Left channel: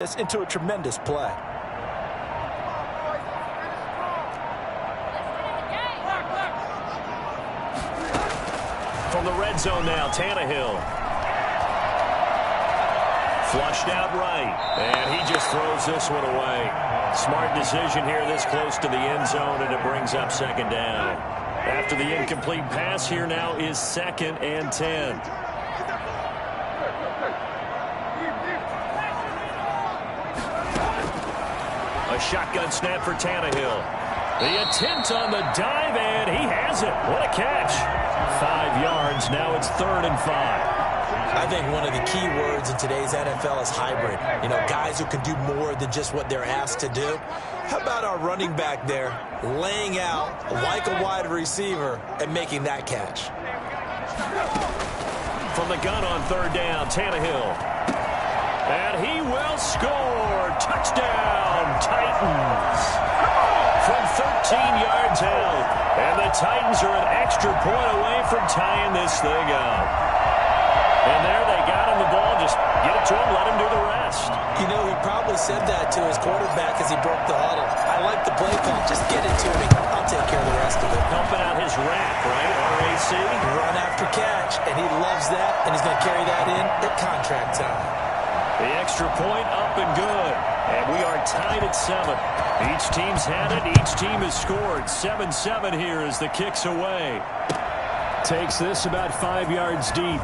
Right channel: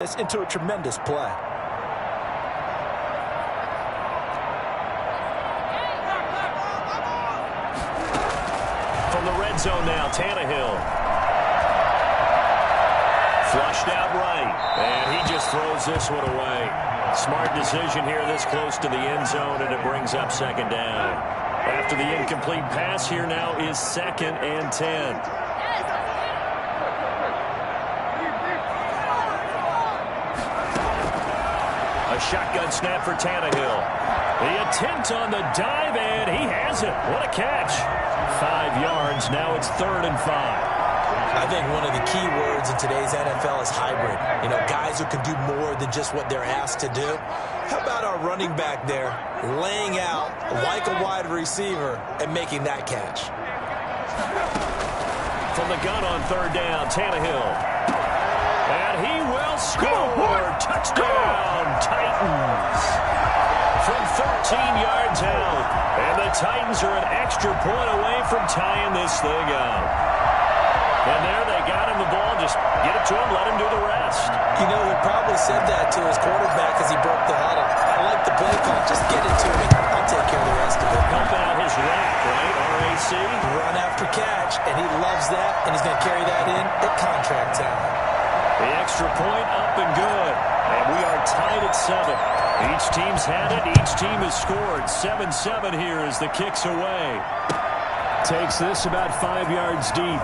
this into a tremendous play. From the red zone now, Tannehill. Flushed out right, and he just throws this one away. Smart decision here this close to the end zone, and it brings up second down. After the incomplete pass, here now is 2nd and 10. A shotgun snap for Tannehill. The attempt on the dive, and he has it. What a catch. 5 yards. Now it's 3rd and 5. I think one of the key words in today's NFL is hybrid. You know, guys who can do more than just what they're asked to do. How about our running back there laying out like a wide receiver and making that catch? From the gun on 3rd down, Tannehill. And he will score. Touchdown, Titans. From 13 yards out. And the Titans are an extra point away from tying this thing up. And there they got him the ball. Just get it to him, let him do the rest. You know, he probably said that to his quarterback as he broke the huddle. I like the play call. Just get it to me. I'll take care of the rest of it. Helping out his rack, right? RAC. Run after catch, and he loves that, and he's going to carry that in at contract time. The extra point up and good. And we are tied at 7. Each team's had it. Each team has scored. 7-7 here as the kick's away. Takes this about 5 yards deep.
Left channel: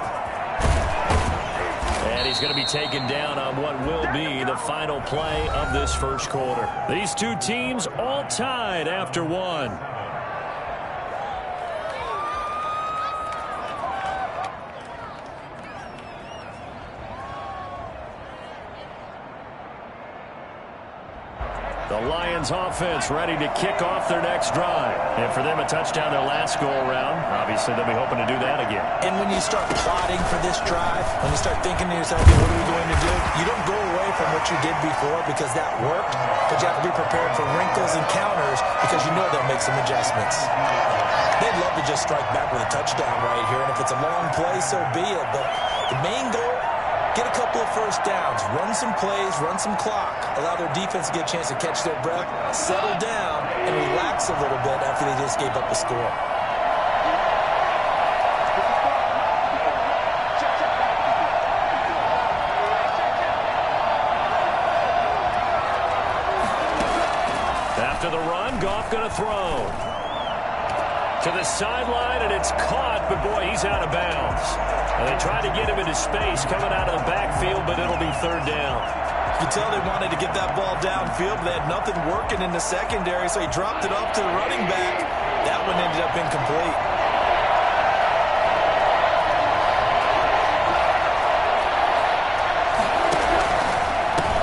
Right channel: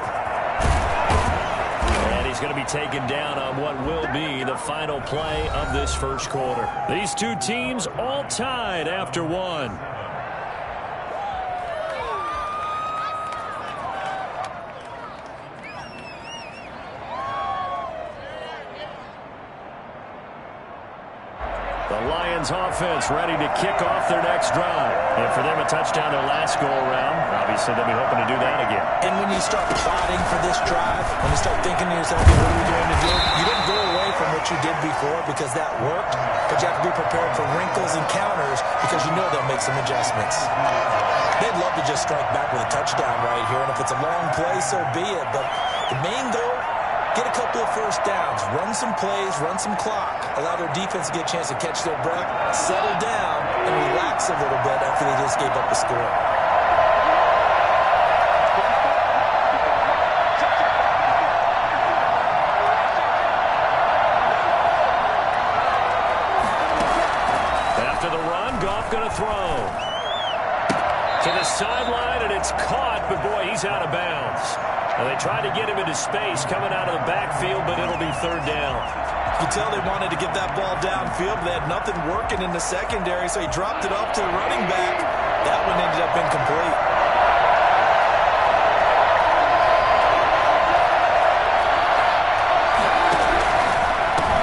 And he's going to be taken down on what will be the final play of this first quarter. These two teams all tied after 1. The Lions offense ready to kick off their next drive. And for them, a touchdown their last go-around. Obviously, they'll be hoping to do that again. And when you start plotting for this drive, when you start thinking to yourself, okay, what are we going to do? You don't go away from what you did before because that worked, but you have to be prepared for wrinkles and counters because you know they'll make some adjustments. They'd love to just strike back with a touchdown right here, and if it's a long play, so be it. But the main goal, get a couple of first downs, run some plays, run some clock, allow their defense to get a chance to catch their breath, settle down, and relax a little bit after they just gave up the score. After the run, Goff going to throw. To the sideline, and it's caught, but boy, he's out of bounds. And they tried to get him into space coming out of the backfield, but it'll be 3rd down. You can tell they wanted to get that ball downfield, but they had nothing working in the secondary, so he dropped it off to the running back. That one ended up incomplete.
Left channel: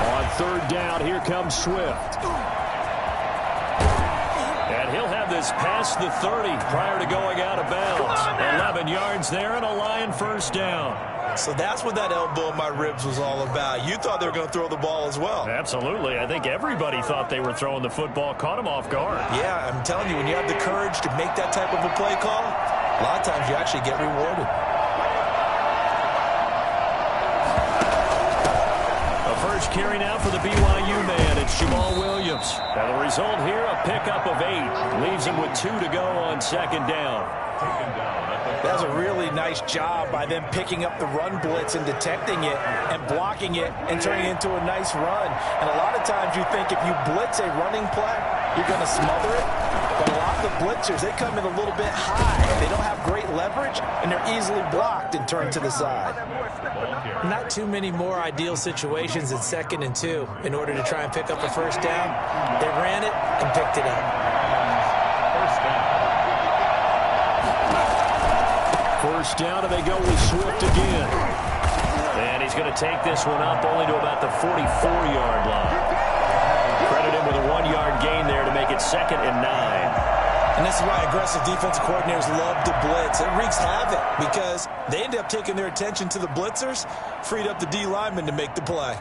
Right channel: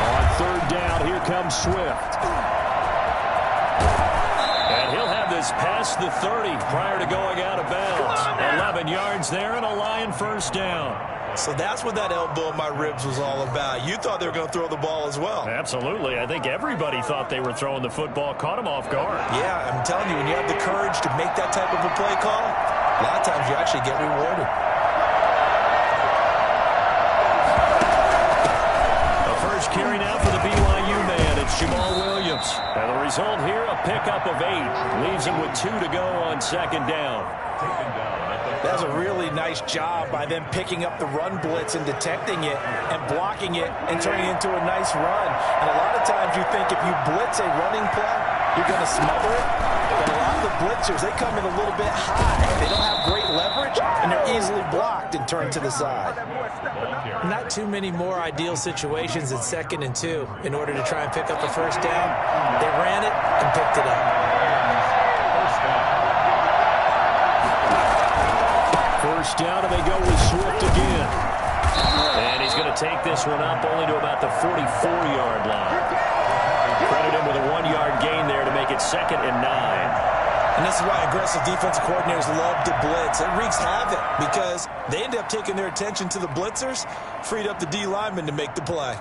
On 3rd down, here comes Swift. And he'll have this past the 30 prior to going out of bounds. 11 yards there and a Lion first down. So that's what that elbow in my ribs was all about. You thought they were going to throw the ball as well. Absolutely. I think everybody thought they were throwing the football, caught him off guard. Yeah, I'm telling you, when you have the courage to make that type of a play call, a lot of times you actually get rewarded. The first carry now for the BYU man. It's Jamal Williams. And the result here, a pickup of 8. Leaves him with 2 to go on 2nd down. That's a really nice job by them picking up the run blitz and detecting it and blocking it and turning it into a nice run. And a lot of times you think if you blitz a running play, you're going to smother it. But a lot of the blitzers, they come in a little bit high. They don't have great leverage, and they're easily blocked and turned to the side. Not too many more ideal situations in 2nd and 2 in order to try and pick up a first down. They ran it and picked it up. First down, and they go with Swift again. And he's going to take this one up only to about the 44-yard line. Credit him with a 1-yard gain there to make it 2nd and 9. And this is why aggressive defensive coordinators love to blitz. It wreaks havoc because they end up taking their attention to the blitzers, freed up the D lineman to make the play.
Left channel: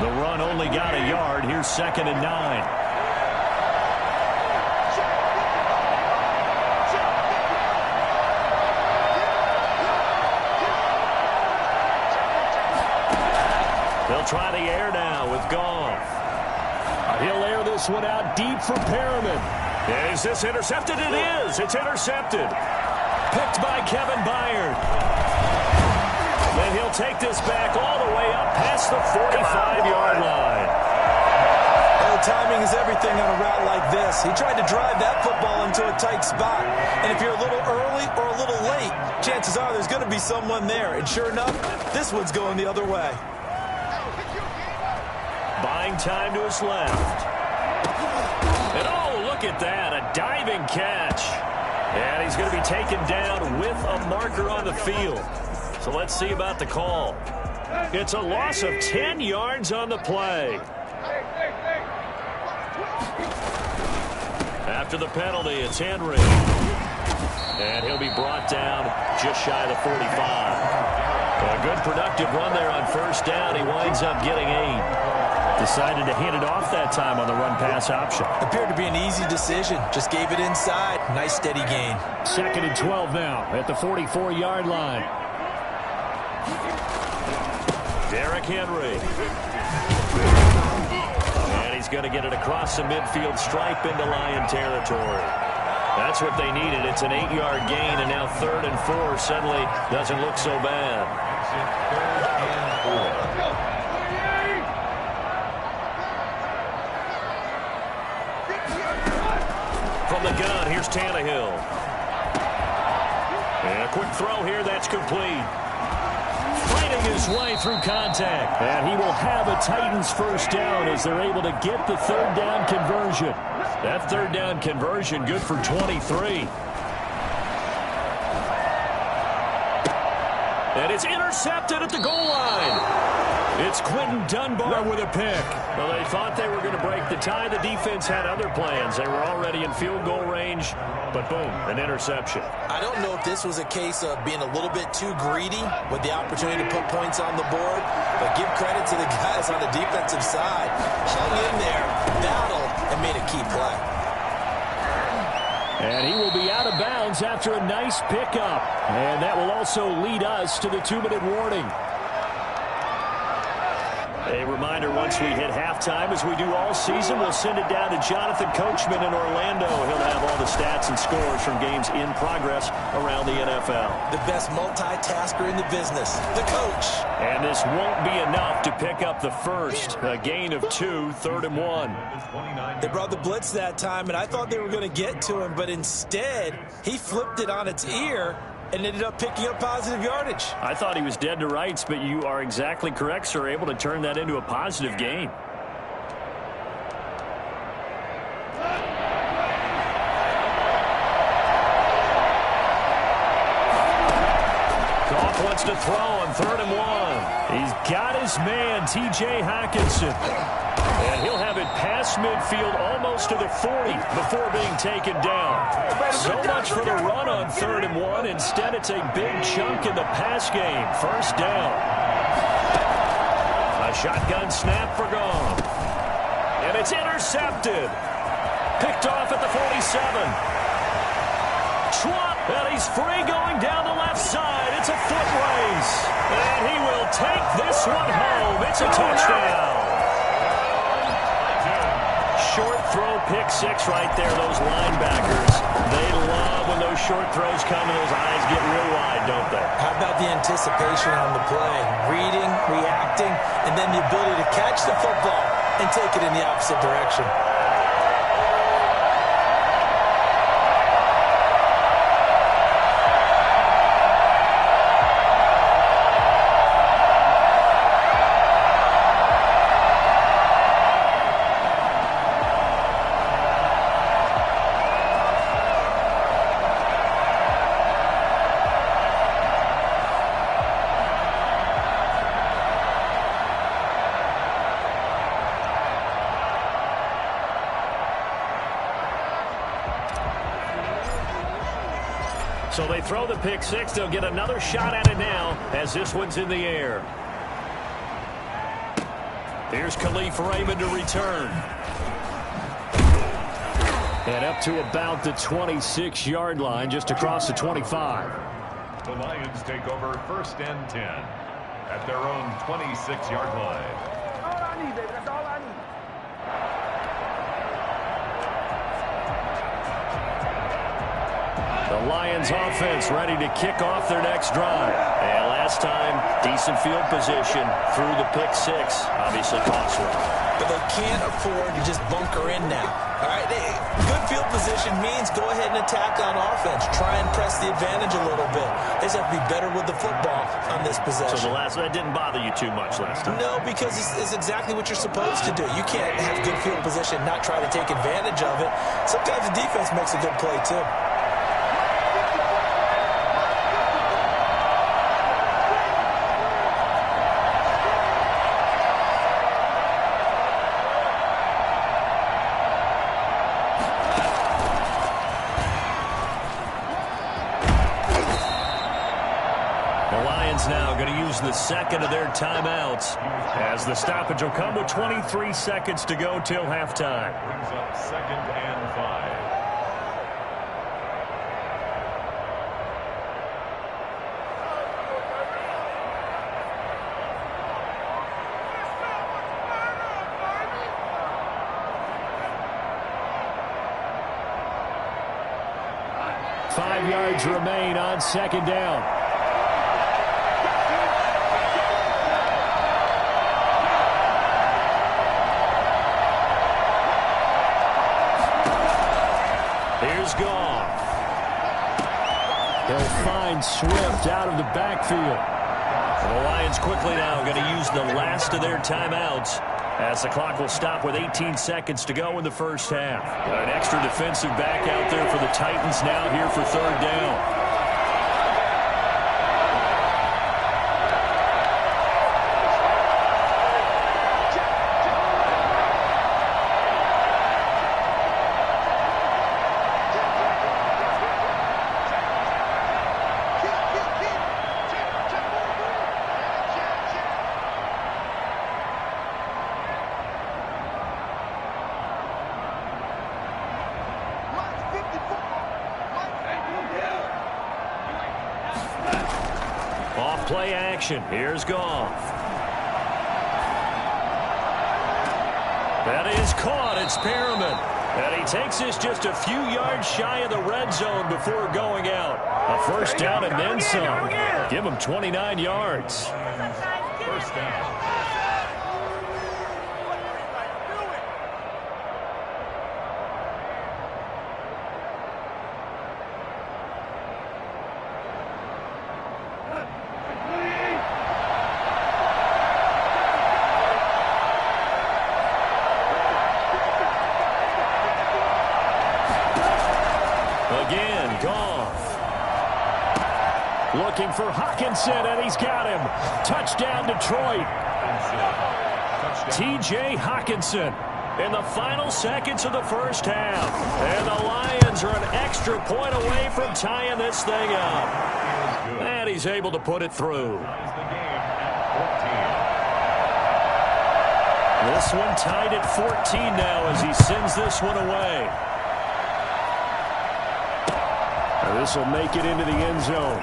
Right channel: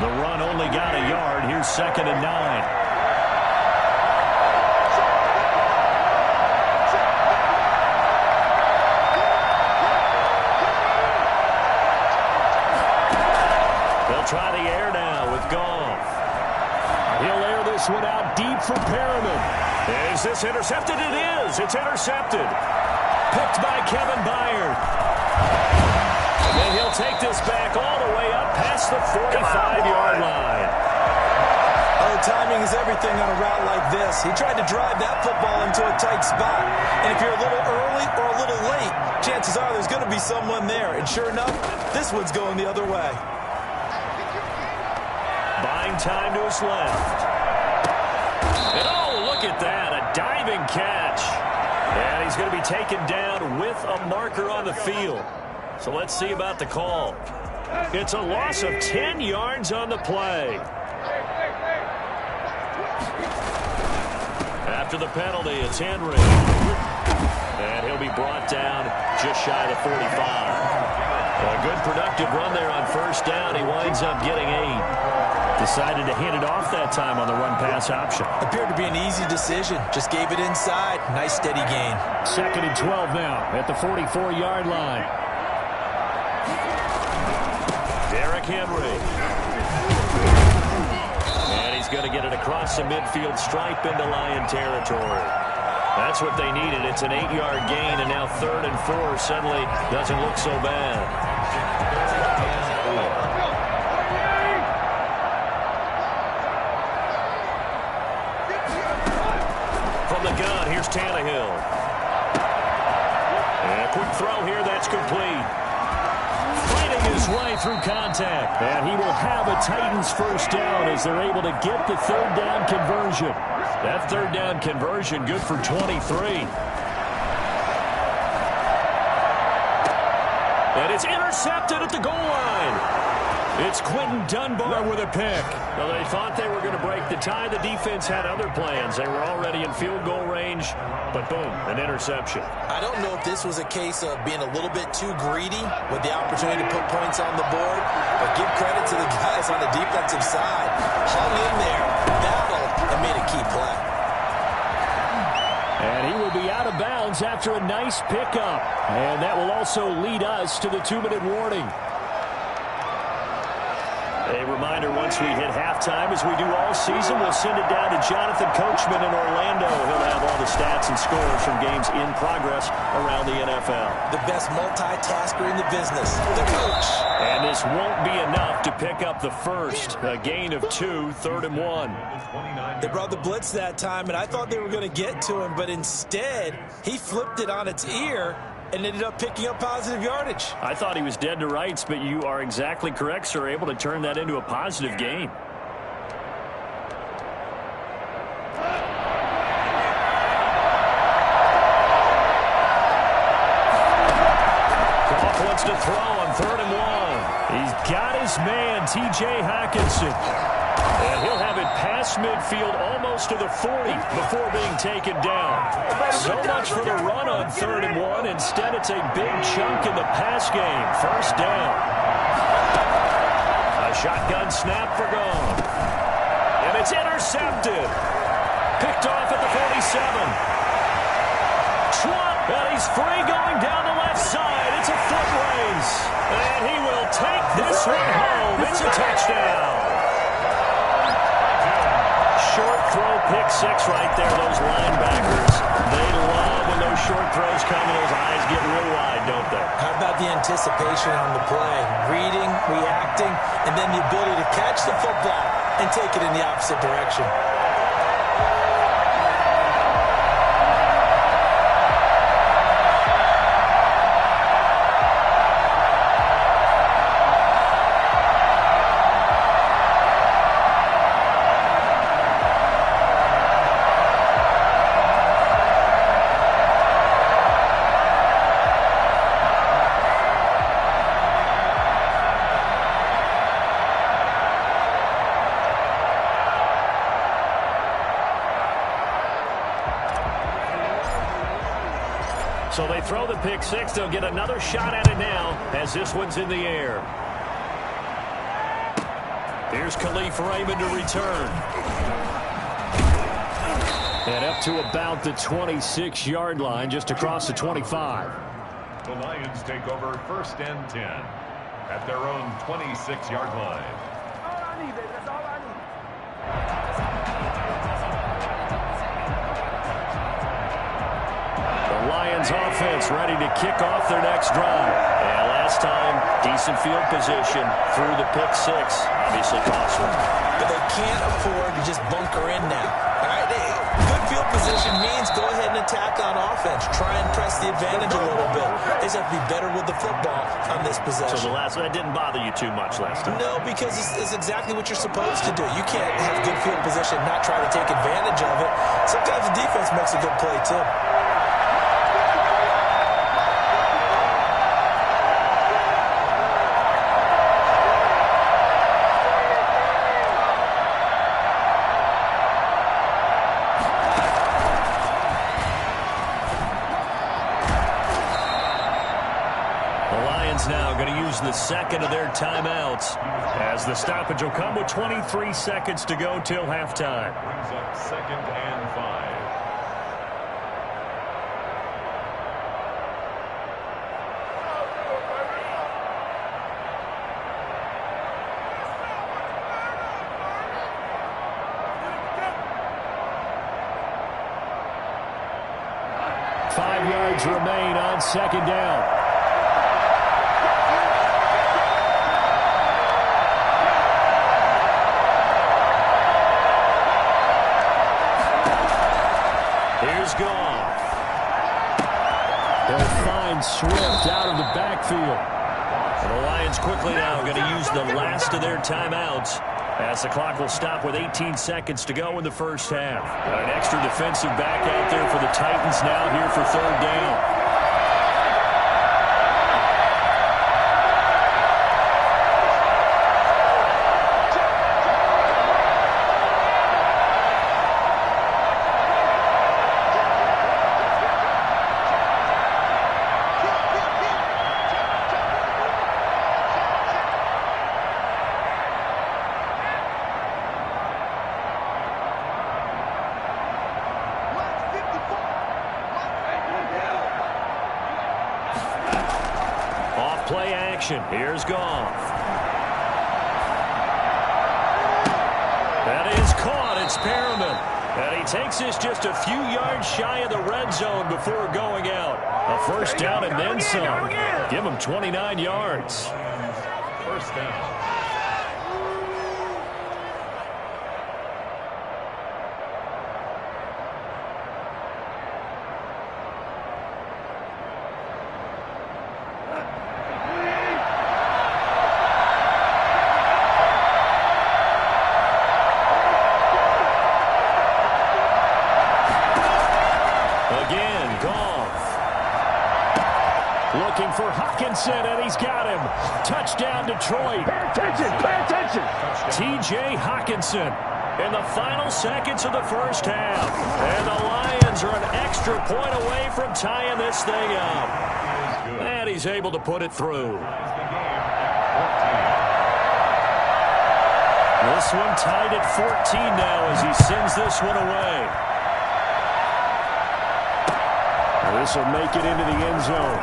The run only got a yard. Here's 2nd and 9. They'll try the air now with Goff. He'll air this one out deep for Perriman. Is this intercepted? It is. It's intercepted. Picked by Kevin Byard. And then he'll take this back all the way up past the 45-yard line. Oh, timing is everything on a route like this. He tried to drive that football into a tight spot. And if you're a little early or a little late, chances are there's going to be someone there. And sure enough, this one's going the other way. Buying time to his left. And oh, look at that, a diving catch. And he's going to be taken down with a marker on the field. So let's see about the call. It's a loss of 10 yards on the play. After the penalty, it's Henry. And he'll be brought down just shy of the 45. A good productive run there on first down. He winds up getting 8. Decided to hand it off that time on the run-pass option. Appeared to be an easy decision. Just gave it inside. Nice steady gain. 2nd and 12 now at the 44-yard line. Derrick Henry. And he's going to get it across the midfield stripe into Lion territory. That's what they needed. It's an 8-yard gain, and now 3rd and 4 suddenly doesn't look so bad. From the gun, here's Tannehill. And a quick throw here, that's complete. Fighting his way through contact. And he will have a Titans first down as they're able to get the 3rd down conversion. That 3rd down conversion good for 23. And it's intercepted at the goal line. It's Quentin Dunbar with a pick. Well, they thought they were going to break the tie. The defense had other plans. They were already in field goal range, but boom, an interception. I don't know if this was a case of being a little bit too greedy with the opportunity to put points on the board, but give credit to the guys on the defensive side. Hung in there, battled, and made a key play. And he will be out of bounds after a nice pickup. And that will also lead us to the 2-minute warning. A reminder, once we hit halftime, as we do all season, we'll send it down to Jonathan Coachman in Orlando. He'll have all the stats and scores from games in progress around the NFL. The best multitasker in the business, the coach. And this won't be enough to pick up the first. A gain of 2, 3rd and 1. They brought the blitz that time, and I thought they were going to get to him, but instead, he flipped it on its ear and ended up picking up positive yardage. I thought he was dead to rights, but you are exactly correct, sir. Able to turn that into a positive gain. Goff wants to throw on 3rd and 1. He's got his man, T.J. Hockenson. And he'll have it past midfield almost to the 40 before being taken down. So much for the run on 3rd and 1. Instead, it's a big chunk in the pass game. First down. A shotgun snap for Goff. And it's intercepted. Picked off at the 47. Schwab, and he's free going down the left side. It's a foot race. And he will take this one home. It's a touchdown. Short throw, pick 6 right there. Those linebackers, they love when those short throws come and those eyes get real wide, don't they? How about the anticipation on the play? Reading, reacting, and then the ability to catch the football and take it in the opposite direction. So they throw the pick 6. They'll get another shot at it now as this one's in the air. Here's Khalif Raymond to return. And up to about the 26-yard line, just across the 25. The Lions take over 1st and 10. at their own 26-yard line. That's all I need, baby. That's all I need. The Lions offense ready to kick off their next drive. And last time, decent field position through the pick six. Obviously costly. But they can't afford to just bunker in now. All right, good field position means go ahead and attack on offense. Try and press the advantage a little bit. They just have to be better with the football on this possession. So that didn't bother you too much last time? No, because it's exactly what you're supposed to do. You can't have good field position and not try to take advantage of it. Sometimes the defense makes a good play, too. Now going to use the second of their timeouts as the stoppage will come with 23 seconds to go till halftime. Brings up 2nd and 5. Five yards remain on second down. Here's Goff. He'll find Swift out of the backfield. And the Lions quickly now going to use the last of their timeouts as the clock will stop with 18 seconds to go in the first half. An extra defensive back out there for the Titans now here for third down. Play action. Here's Goff. That is caught. It's Perriman. And he takes this just a few yards shy of the red zone before going out. A first down and then some. Give him 29 yards. First down. Again, Goff. Looking for Hockenson, and he's got him. Touchdown, Detroit. T.J. Hockenson in the final seconds of the first half. And the Lions are an extra point away from tying this thing up. And he's able to put it through. This one tied at 14 now as he sends this one away. This will make it into the end zone.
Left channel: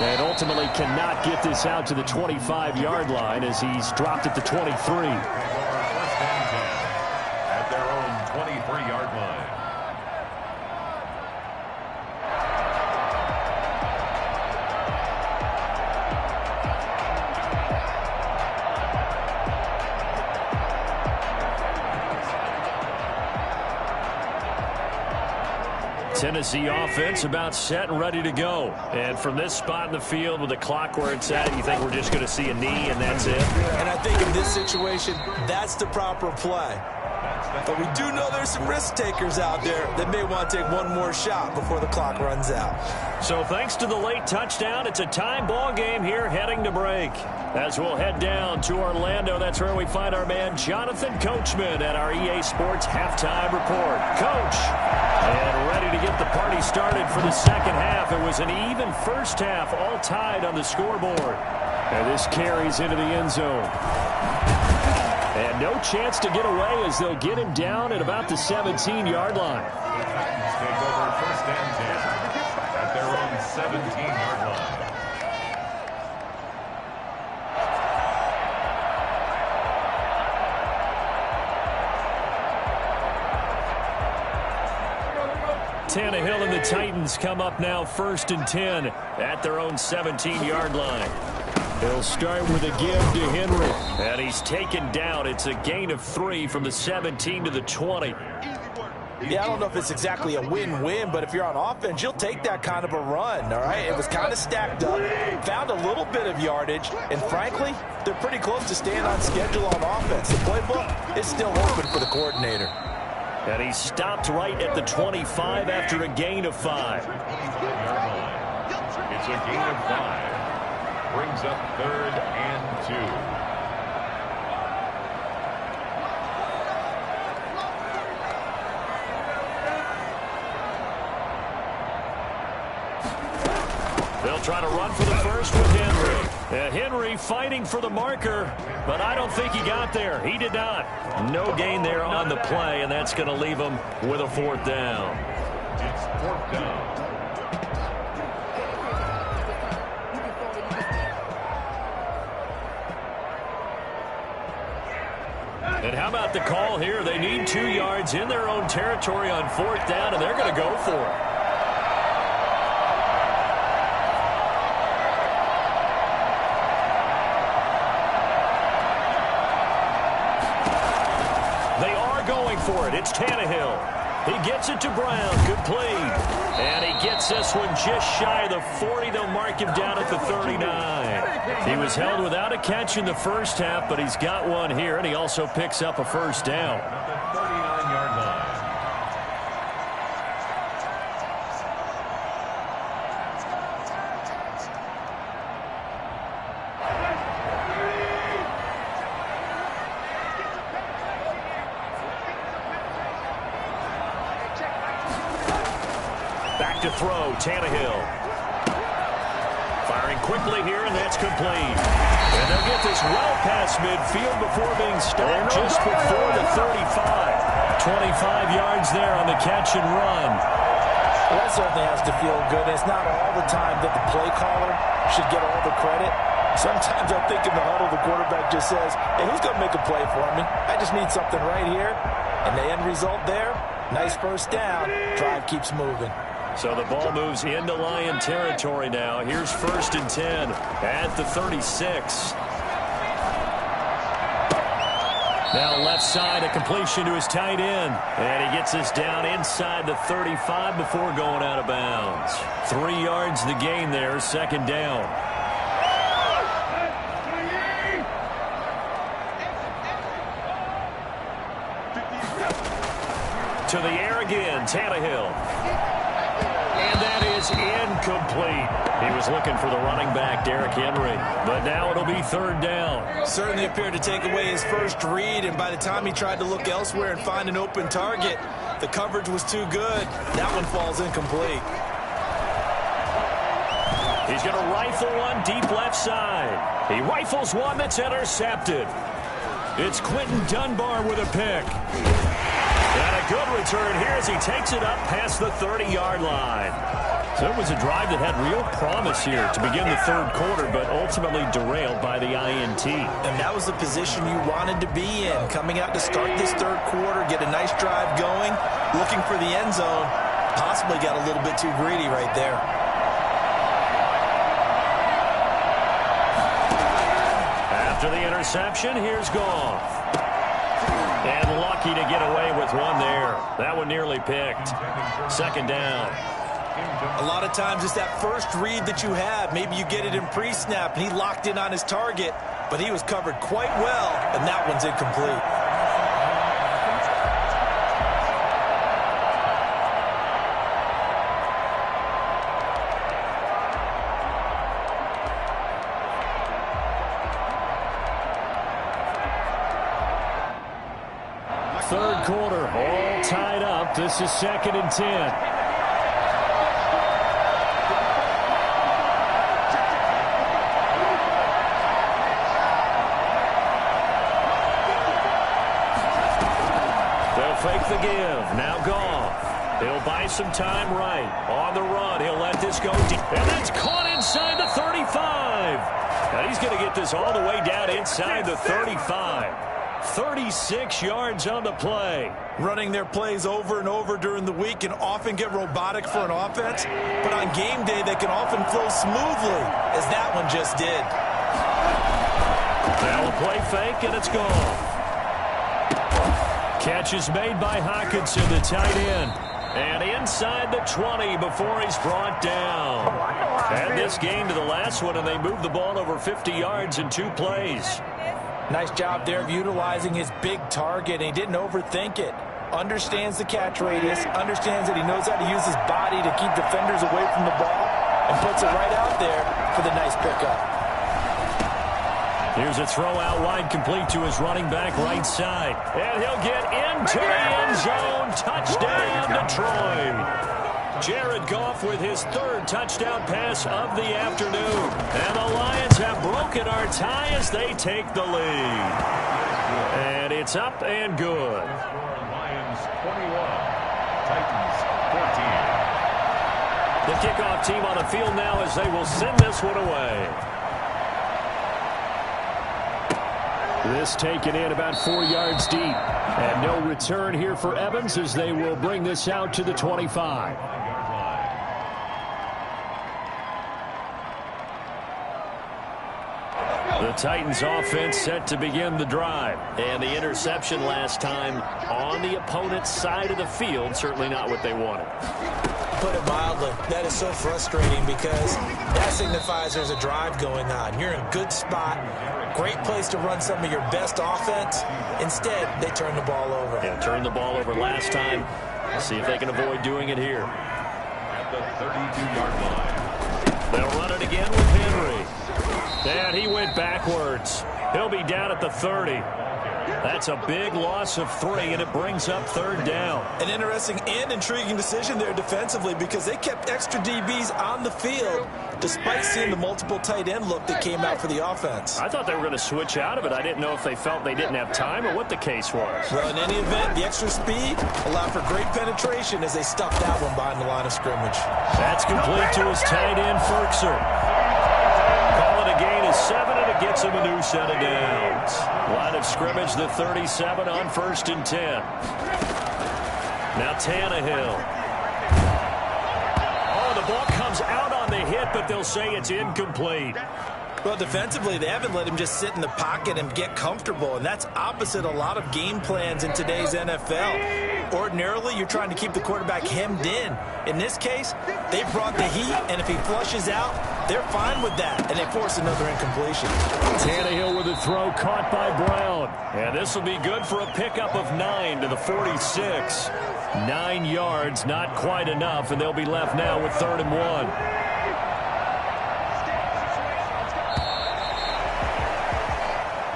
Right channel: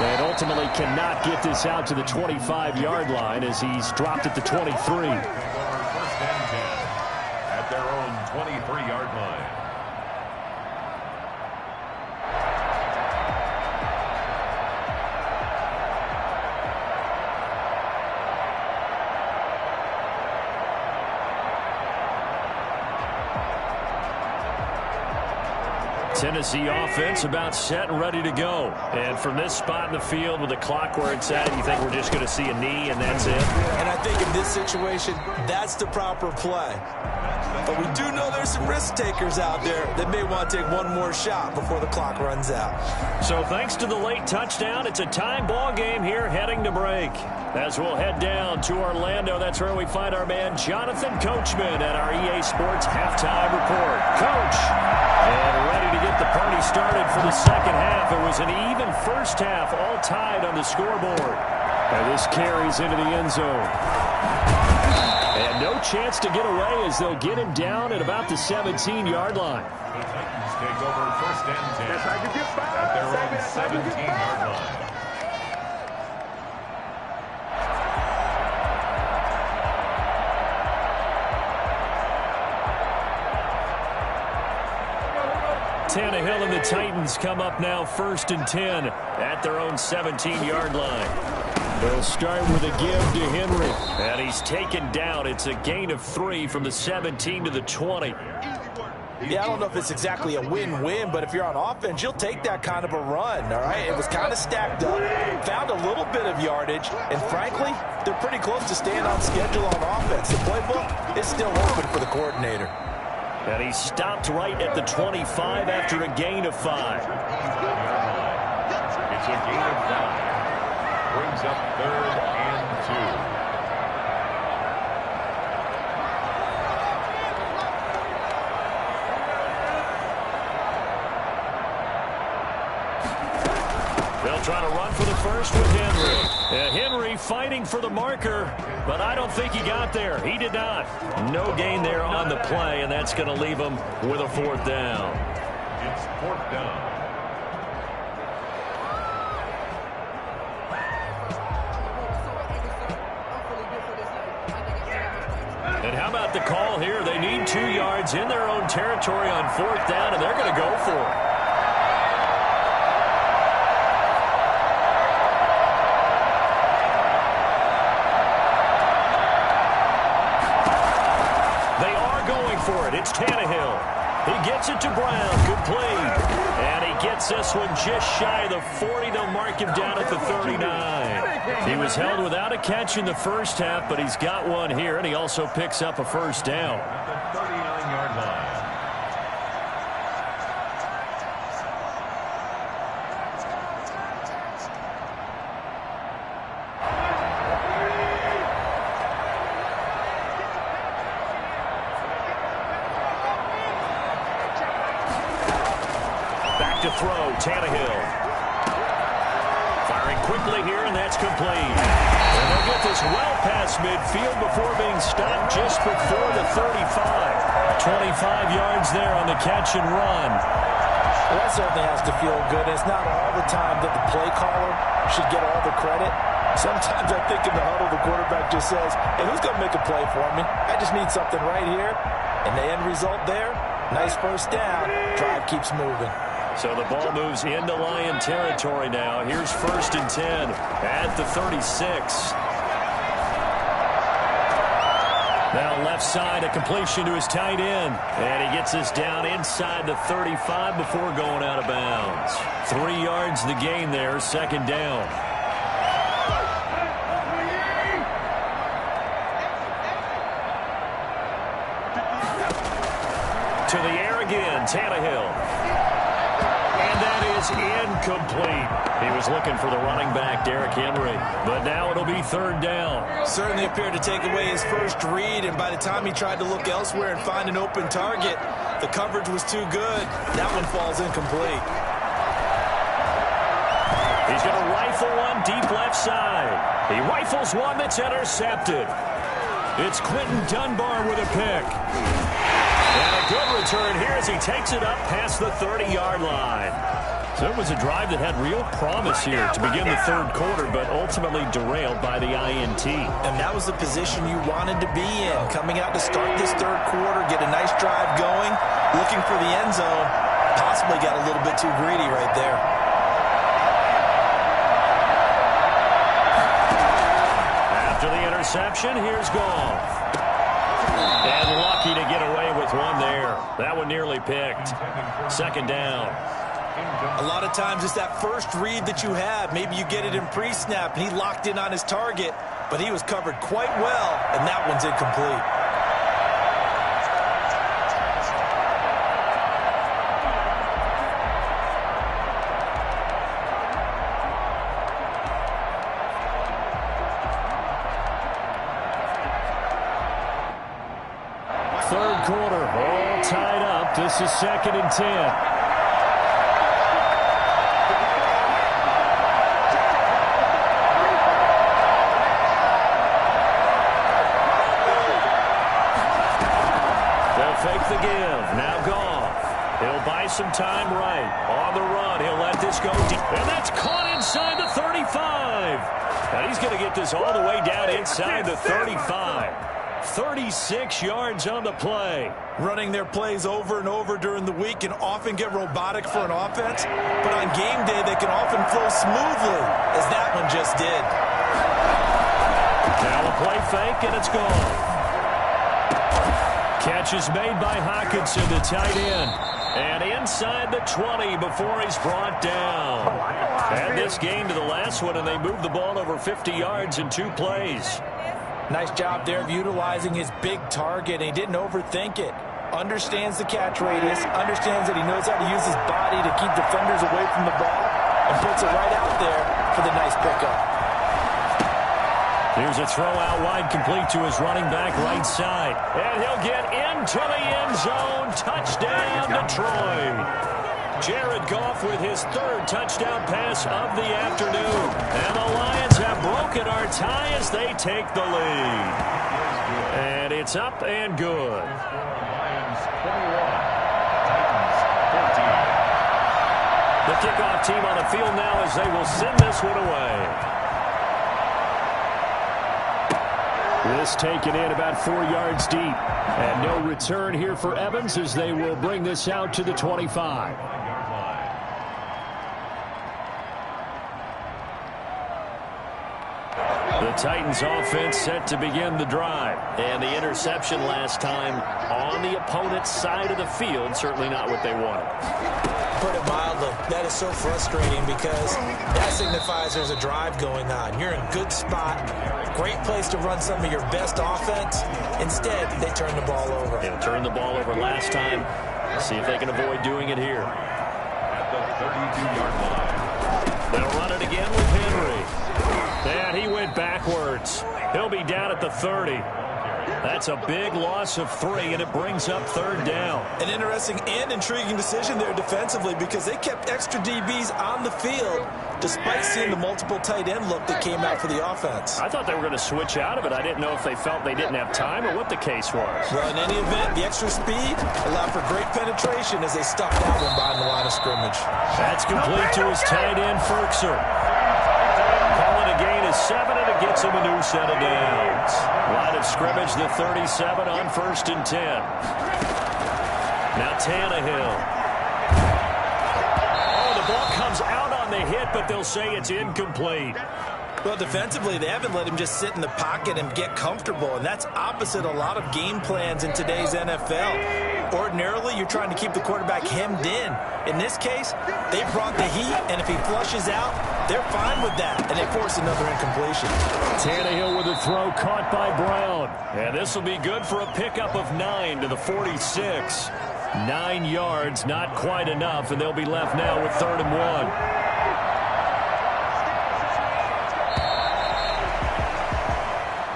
And ultimately cannot get this out to the 25-yard line as he's dropped at the 23. First and 10 at their own 23-yard line. Tennessee offense about set and ready to go. And from this spot in the field with the clock where it's at, you think we're just going to see a knee and that's it? And I think in this situation, that's the proper play. But we do know there's some risk takers out there that may want to take one more shot before the clock runs out. So thanks to the late touchdown, it's a tie ball game here heading to break. As we'll head down to Orlando, that's where we find our man Jonathan Coachman at our EA Sports Halftime Report. Coach, and ready to get the party started for the second half. It was an even first half, all tied on the scoreboard. And this carries into the end zone. And no chance to get away as they'll get him down at about the 17-yard line. The Titans take over first and 10 at their own 17-yard line. Tannehill and the Titans come up now 1st and 10 at their own 17-yard line. They'll start with a give to Henry. And he's taken down. It's a gain of 3 from the 17 to the 20. Yeah, I don't know if it's exactly a win-win, but if you're on offense, you'll take that kind of a run, all right? It was kind of stacked up, found a little bit of yardage, and frankly, they're pretty close to staying on schedule on offense. The playbook is still open for the coordinator. And he stopped right at the 25 after a gain of 5. It's a gain of 5. Brings up 3rd and 2. They'll try to run for the first with Henry. Henry fighting for the marker, but I don't think he got there. He did not. No gain there on the play, and that's going to leave him with a 4th down. It's 4th down. And how about the call here? They need 2 yards in their own territory on 4th down, and they're going to go for it. For it. It's Tannehill. He gets it to Brown. Good play. And he gets this one just shy of the 40. They'll mark him down at the 39. He was held without a catch in the first half, but he's got one here, and he also picks up a 1st down. At the 39-yard line. To throw, Tannehill. Firing quickly here, and that's complete. And they'll get this well past midfield before being stopped just before the 35. 25 yards there on the catch and run. Well, that certainly has to feel good. It's not all the time that the play caller should get all the credit. Sometimes I think in the huddle, the quarterback just says, hey, who's going to make a play for me? I just need something right here. And the end result there, nice 1st down. Drive keeps moving. So the ball moves into Lion territory now. Here's 1st and 10 at the 36. Now left side, a completion to his tight end. And he gets this down inside the 35 before going out of bounds. 3 yards the gain there, 2nd down. To the air again, Tannehill. And that is incomplete. He was looking for the running back, Derrick Henry. But now it'll be 3rd down. Certainly appeared to take away his first read, and by the time he tried to look elsewhere and find an open target, the coverage was too good. That one falls incomplete. He's going to rifle one deep left side. He rifles one that's intercepted. It's Quentin Dunbar with a pick. And a good return here as he takes it up past the 30-yard line. So it was a drive that had real promise here to begin the 3rd quarter, but ultimately derailed by the INT. And that was the position you wanted to be in, coming out to start this 3rd quarter, get a nice drive going, looking for the end zone. Possibly got a little bit too greedy right there. After the interception, here's Goff. And lucky to get away with one there. That one nearly picked. 2nd down. A lot of times it's that first read that you have. Maybe you get it in pre-snap, and he locked in on his target, but he was covered quite well, and that one's incomplete. Third quarter, all tied up. This is 2nd and 10. They'll fake the give. Now Goff. He'll buy some time right. On the run, he'll let this go deep. And that's caught inside the 35. Now he's going to get this all the way down inside the 35. 36 yards on the play. Running their plays over and over during the week can often get robotic for an offense, but on game day they can often flow smoothly, as that one just did. Now a play fake, and it's gone. Catch is made by Hockenson, the tight end. And inside the 20 before he's brought down. Add this game to the last one, and they moved the ball over 50 yards in 2 plays. Nice job there of utilizing his big target, and he didn't overthink it. Understands the catch radius, understands that he knows how to use his body to keep defenders away from the ball, and puts it right out there for the nice pickup. Here's a throw out wide, complete to his running back right side. And he'll get into the end zone. Touchdown, Detroit. Jared Goff with his 3rd touchdown pass of the afternoon. And the Lions have broken our tie as they take the lead. And it's up and good. Lions 21, Titans 14. The kickoff team on the field now as they will send this one away. This taken in about 4 yards deep. And no return here for Evans as they will bring this out to the 25. The Titans offense set to begin the drive. And the interception last time on the opponent's side of the field, certainly not what they wanted. Put it mildly, that is so frustrating because that signifies there's a drive going on. You're in a good spot, great place to run some of your best offense. Instead, they turn the ball over. Yeah, turned the ball over last time. Let's see if they can avoid doing it here. At the 32-yard line. They'll run it again with Henry. And he went backwards. He'll be down at the 30. That's a big loss of 3, and it brings up 3rd down. An interesting and intriguing decision there defensively because they kept extra DBs on the field despite seeing the multiple tight end look that came out for the offense. I thought they were going to switch out of it. I didn't know if they felt they didn't have time or what the case was. Well, in any event, the extra speed allowed for great penetration as they stuffed that one behind the line of scrimmage. That's complete to his tight end, Ferkser. Call it a gain of 7, and it gets him a new set of downs. Line of scrimmage, the 37 on 1st and 10. Now Tannehill. Oh, the ball comes out on the hit, but they'll say it's incomplete. Well, defensively, they haven't let him just sit in the pocket and get comfortable, and that's opposite a lot of game plans in today's NFL. Ordinarily, you're trying to keep the quarterback hemmed in. In this case, they brought the heat, and if he flushes out, they're fine with that, and they force another incompletion. Tannehill with a throw caught by Brown. And this will be good for a pickup of 9 to the 46. 9 yards, not quite enough, and they'll be left now with 3rd and 1.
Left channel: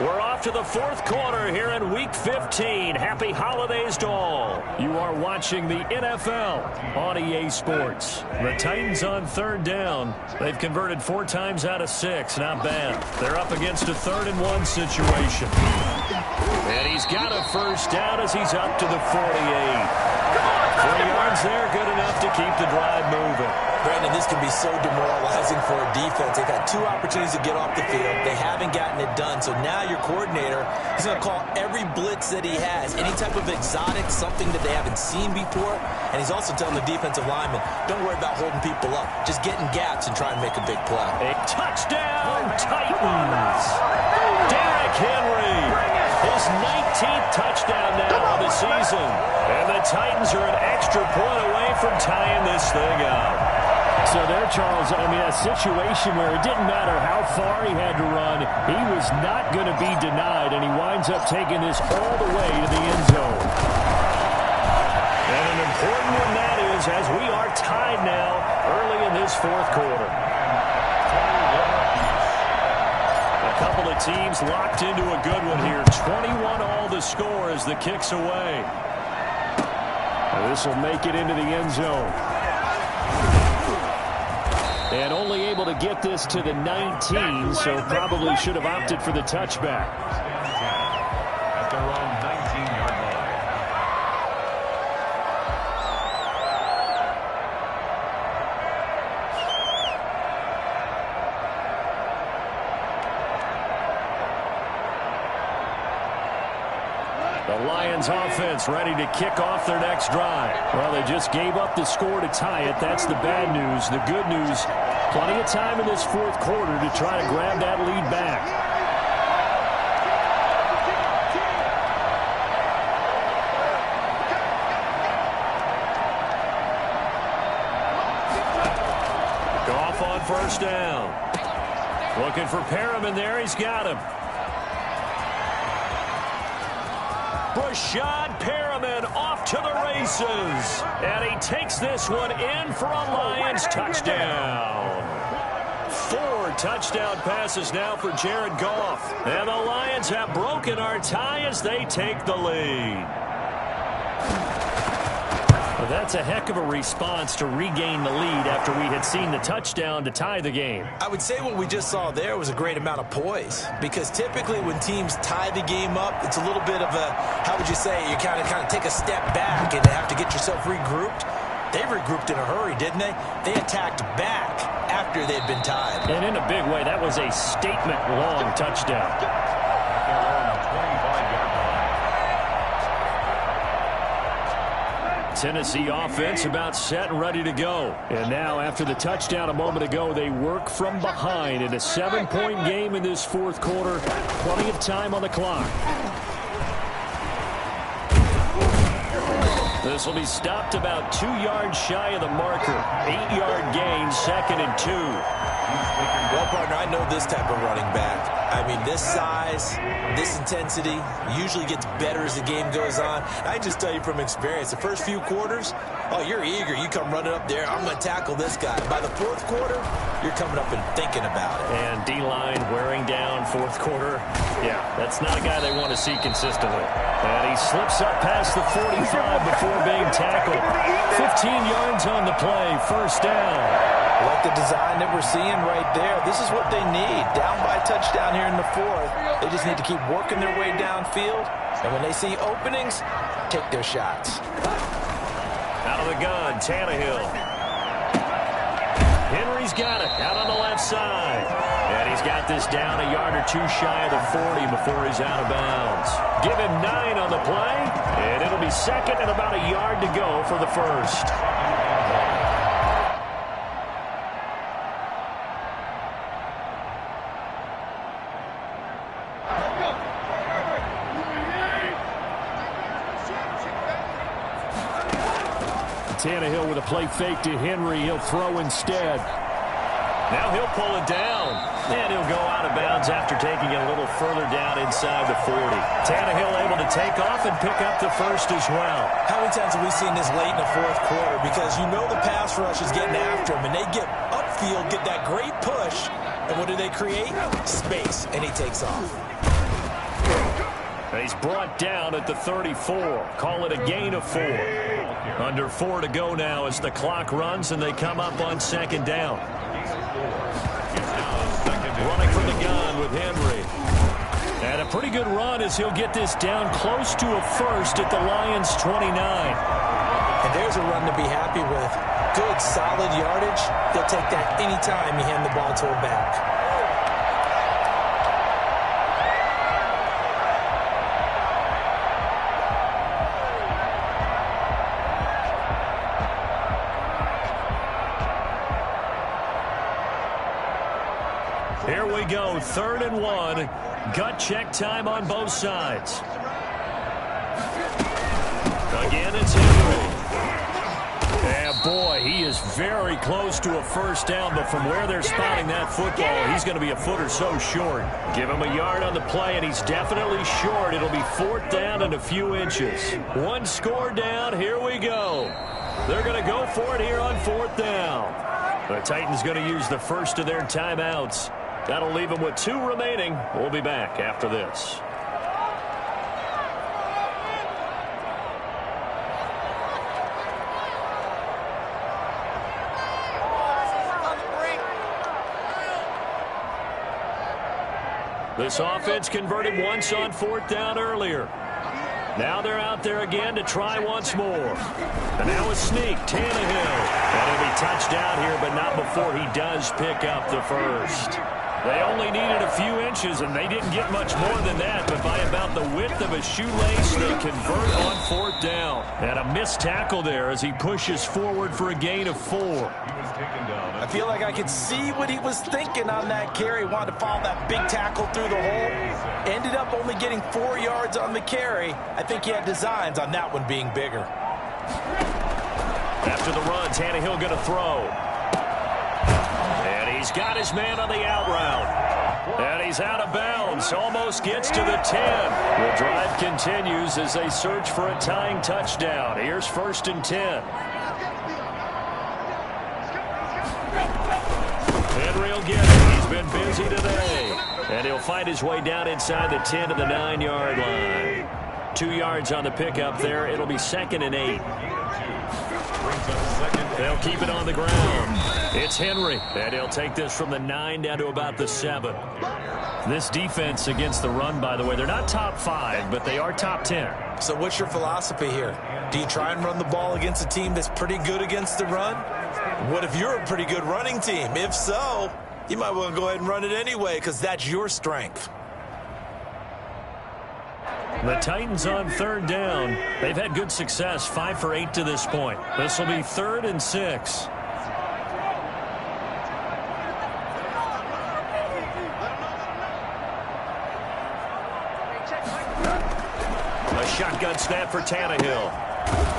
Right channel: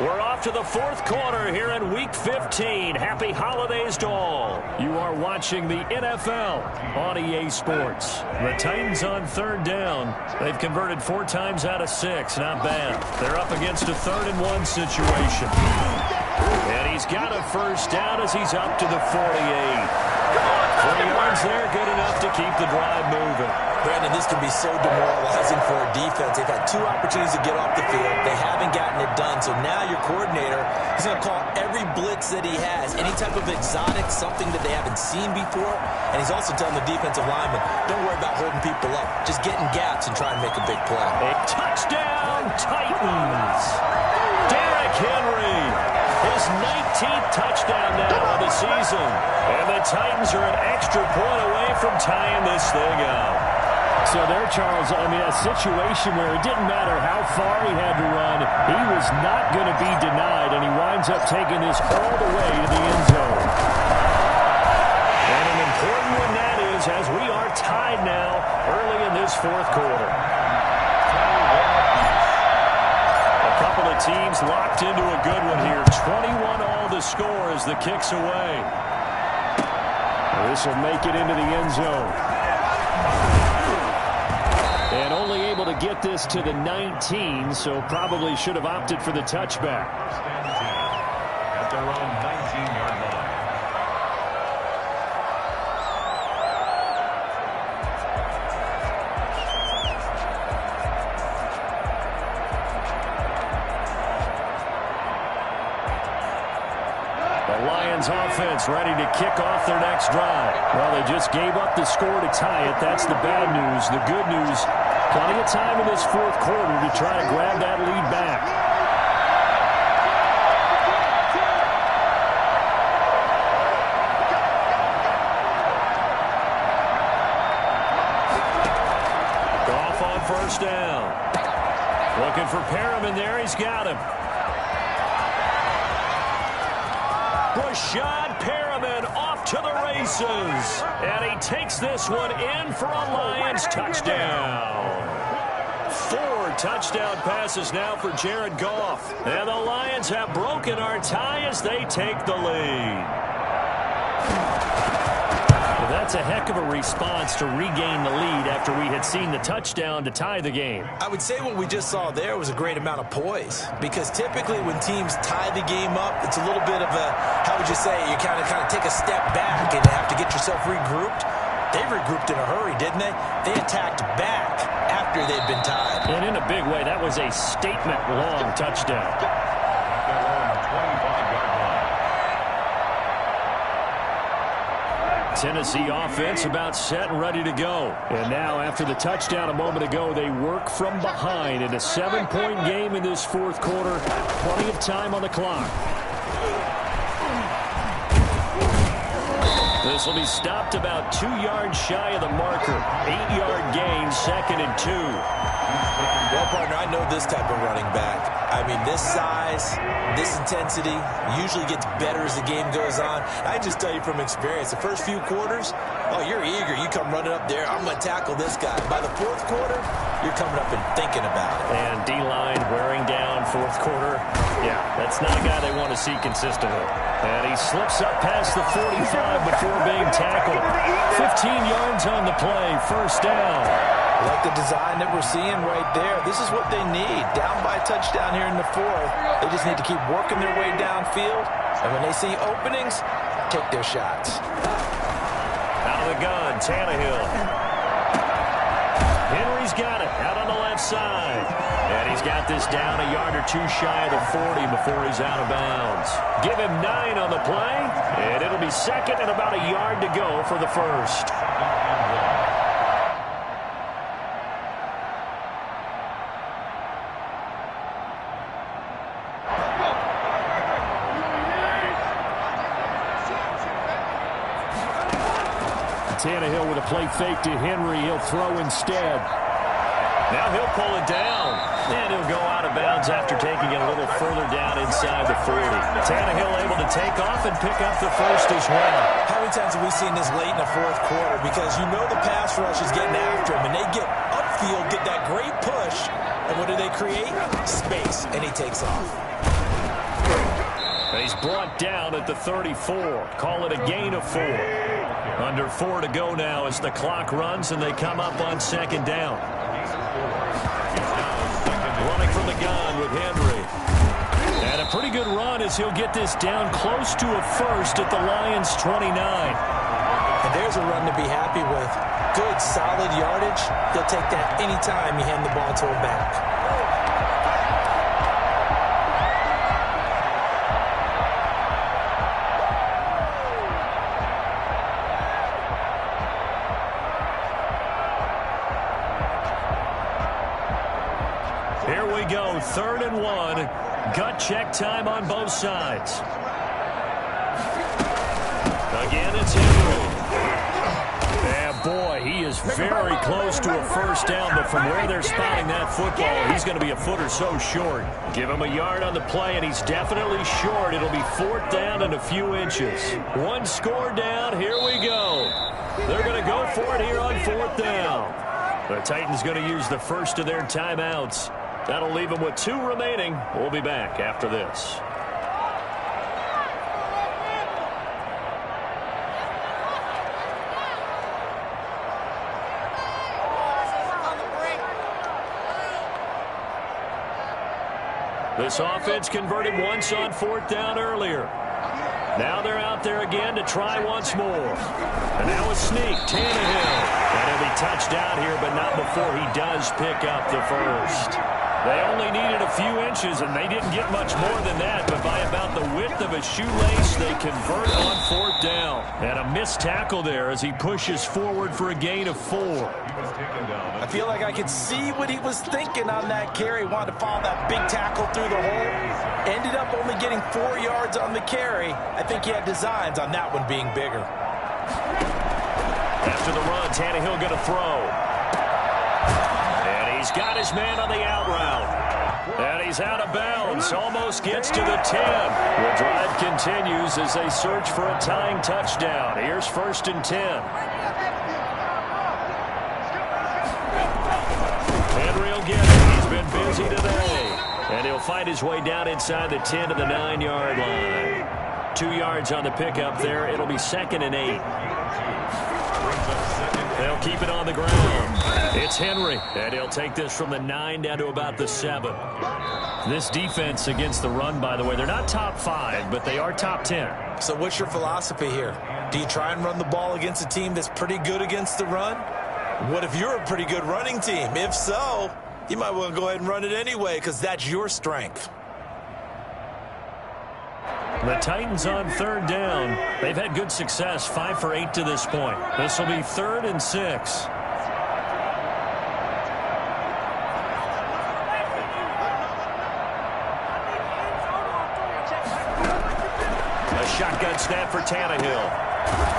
We're off to the 4th quarter here in Week 15. Happy holidays to all. You are watching the NFL on EA Sports. The Titans on 3rd down. They've converted 4 times out of 6. Not bad. They're up against a 3rd and 1 situation. And he's got a 1st down as he's up to the 48. 3 yards there, good enough to keep the drive moving. Brandon, this can be so demoralizing for a defense. They've had 2 opportunities to get off the field. They haven't gotten it done. So now your coordinator is going to call every blitz that he has, any type of exotic, something that they haven't seen before. And he's also telling the defensive lineman, don't worry about holding people up. Just get in gaps and try and make a big play. A touchdown, Titans. Derrick Henry, his 19th touchdown now of the season. And the Titans are an extra point away from tying this thing up. So there, Charles, I mean, a situation where it didn't matter how far he had to run, he was not going to be denied, and he winds up taking this all the way to the end zone. And an important one that is, as we are tied now early in this 4th quarter. A couple of teams locked into a good one here. 21 all the score as the kick's away. This will make it into the end zone. And only able to get this to the 19, so probably should have opted for the touchback. At their own 19-yard line. The Lions offense ready to kick off their next drive. Well, they just gave up the score to tie it. That's the bad news. The good news, plenty of time in this fourth quarter to try to grab that lead back. Goff on first down. Looking for Perriman there. He's got him. Rashad Perriman off to the races. And he takes this one in for a Lions touchdown. 4 touchdown passes now for Jared Goff. And the Lions have broken our tie as they take the lead. Well, that's a heck of a response to regain the lead after we had seen the touchdown to tie the game. I would say what we just saw there was a great amount of poise, because typically when teams tie the game up, it's a little bit of a, how would you say, you kind of take a step back and have to get yourself regrouped. They regrouped in a hurry, didn't they? They attacked back after they'd been tied. And in a big way, that was a statement-long touchdown. At their own 25-yard line. Tennessee offense about set and ready to go. And now, after the touchdown a moment ago, they work from behind in a 7-point game in this fourth quarter. Plenty of time on the clock. This will be stopped about 2 yards shy of the marker. 8-yard gain, 2nd and 2. Well, partner, I know this type of running back. I mean, this size, this intensity usually gets better as the game goes on. I just tell you from experience, the first few quarters, oh, you're eager. You come running up there, I'm going to tackle this guy. By the fourth quarter, you're coming up and thinking about it. And D-line wearing down fourth quarter. Yeah, that's not a guy they want to see consistently. And he slips up past the 45 before being tackled. 15 yards on the play, first down. I like the design that we're seeing right there. This is what they need. Down by a touchdown here in the fourth. They just need to keep working their way downfield. And when they see openings, take their shots. Out of the gun, Tannehill. Henry's got it out on the left side. And he's got this down a yard or two shy of the 40 before he's out of bounds. Give him 9 on the play, and it'll be 2nd and about a yard to go for the first. Tannehill with a play fake to Henry. He'll throw instead. Now he'll pull it down. And he'll go out of bounds after taking it a little further down inside the 40. Tannehill able to take off and pick up the first as well. How many times have we seen this late in the fourth quarter? Because you know the pass rush is getting after him, and they get upfield, get that great push, and what do they create? Space, and he takes off. And he's brought down at the 34. Call it a gain of 4. Under 4 to go now as the clock runs and they come up on 2nd down. Running from the gun with Henry. And a pretty good run as he'll get this down close to a first at the Lions' 29. And there's a run to be happy with. Good, solid yardage. They'll take that anytime you hand the ball to a back. Here we go, 3rd and 1. Gut check time on both sides. Again, it's Henry. And boy, he is very close to a first down, but from where they're spotting that football, he's going to be a foot or so short. Give him a yard on the play, and he's definitely short. It'll be 4th down and a few inches. 1 score down, here we go. They're going to go for it here on 4th down. The Titans going to use the first of their timeouts. That'll leave them with 2 remaining. We'll be back after this. This offense converted once on 4th down earlier. Now they're out there again to try once more. And now a sneak, Tannehill. And he'll be touched down here, but not before he does pick up the first. They only needed a few inches, and they didn't get much more than that. But by about the width of a shoelace, they convert on 4th down. And a missed tackle there as he pushes forward for a gain of 4. I feel like I could see what he was thinking on that carry. Wanted to follow that big tackle through the hole. Ended up only getting 4 yards on the carry. I think he had designs on that one being bigger. After the run, Tannehill going to throw. And he's got his man on the out route. And he's out of bounds. Almost gets to the 10. The drive continues as they search for a tying touchdown. Here's 1st and 10. Henry will get it. He's been busy today. And he'll find his way down inside the 10 to the 9-yard line. 2 yards on the pickup there. It'll be 2nd and 8. They'll keep it on the ground. It's Henry, and he'll take this from the 9 down to about the 7. This defense against the run, by the way, they're not top 5, but they are top 10. So what's your philosophy here? Do you try and run the ball against a team that's pretty good against the run? What if you're a pretty good running team? If so, you might want to go ahead and run it anyway because that's your strength. The Titans on 3rd down. They've had good success, 5 for 8 to this point. This will be 3rd and 6. A shotgun snap for Tannehill.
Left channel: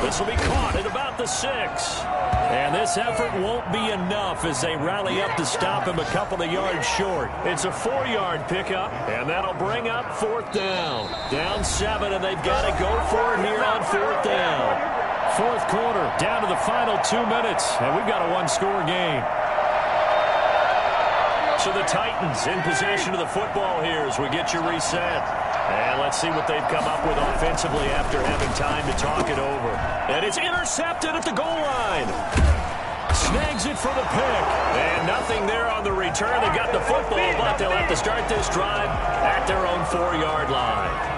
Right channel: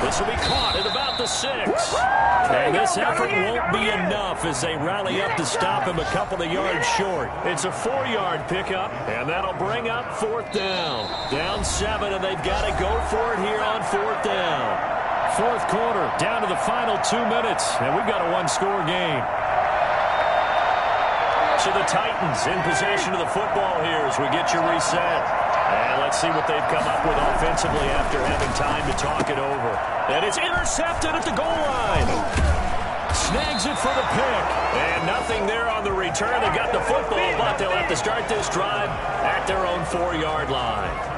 This will be caught at about the 6. And this effort won't be enough as they rally up to stop him a couple of yards short. It's a 4-yard pickup, and that'll bring up 4th down. Down 7, and they've got to go for it here on 4th down. 4th quarter, down to the final 2 minutes, and we've got a 1-score game. So the Titans in possession of the football here as we get you reset. And let's see what they've come up with offensively after having time to talk it over. And it's intercepted at the goal line. Snags it for the pick. And nothing there on the return. They got the football, but they'll have to start this drive at their own 4-yard line.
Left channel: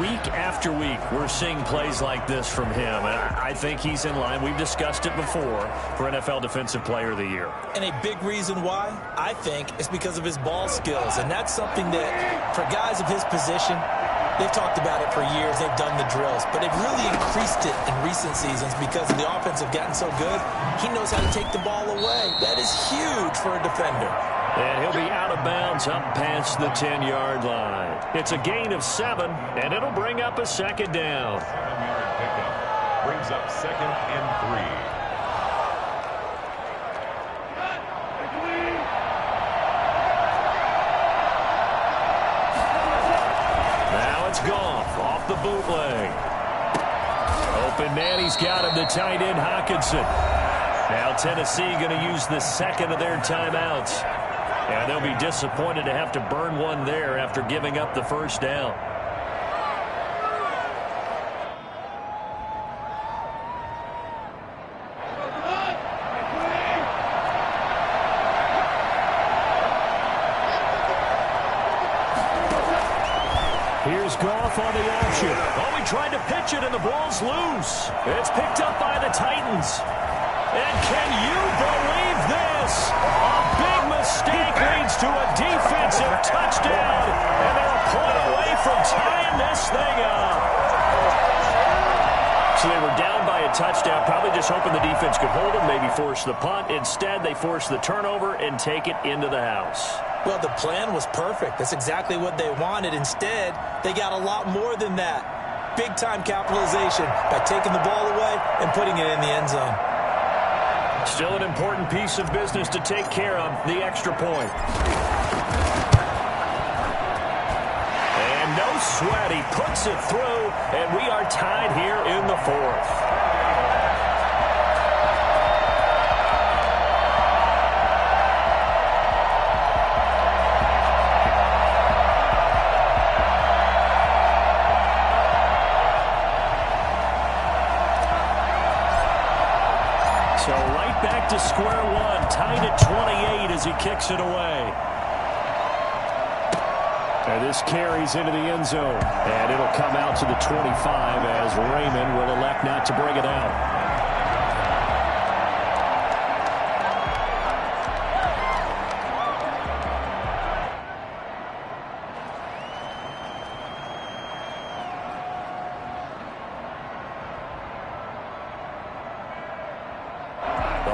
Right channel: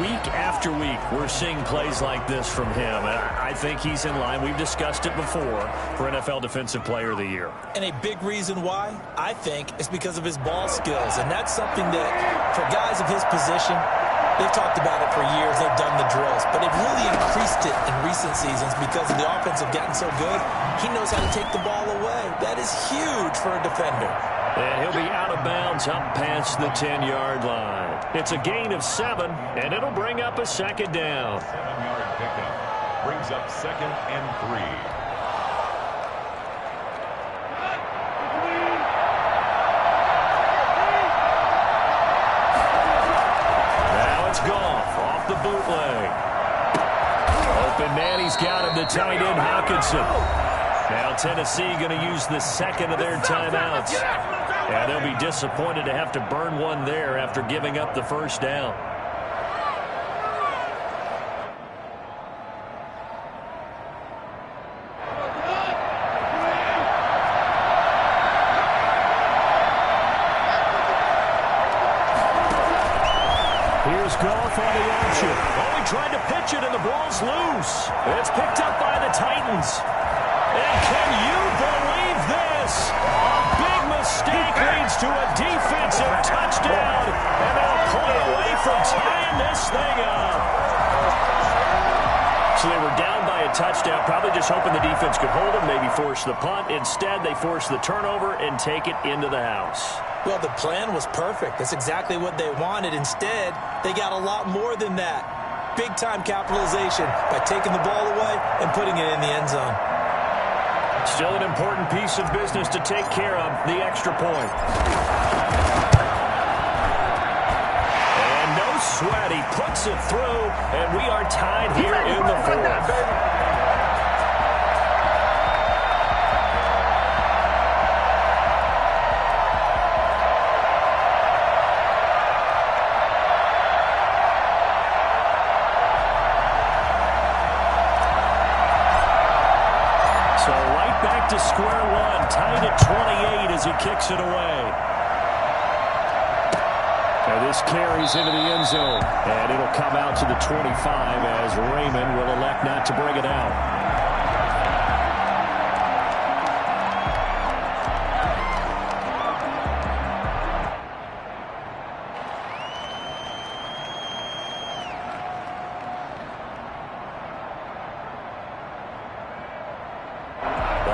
Week after week, we're seeing plays like this from him. And I think he's in line. We've discussed it before for NFL Defensive Player of the Year. And a big reason why, I think, is because of his ball skills. And that's something that, for guys of his position, they've talked about it for years. They've done the drills. But they've really increased it in recent seasons because the offense have gotten so good. He knows how to take the ball away. That is huge for a defender. And he'll be out of bounds up past the 10-yard line. It's a gain of 7, and it'll bring up a 2nd down. 7-yard pickup brings up 2nd and 3. Now it's Goff off the bootleg. Open man, he's got him, the tight end Hockenson. Now Tennessee going to use the 2nd of their timeouts. And they'll be disappointed to have to burn one there after giving up the 1st down. Here's Goff on the option. Oh, he tried to pitch it, and the ball's loose. It's picked up by the Titans. And can you believe this? A big mistake leads to a defensive touchdown, and they're a point away from tying this thing up. So they were down by a touchdown, probably just hoping the defense could hold them, maybe force the punt. Instead, they force the turnover and take it into the house. Well, the plan was perfect. That's exactly what they wanted. Instead, they got a lot more than that. Big-time capitalization by taking the ball away and putting it in the end zone. Still an important piece of business to take care of, the extra point. And no sweat, he puts it through, and we are tied here in the 4th. So right back to square one, tied at 28 as he kicks it away. And this carries into the end zone. And it'll come out to the 25 as Raymond will elect not to bring it out.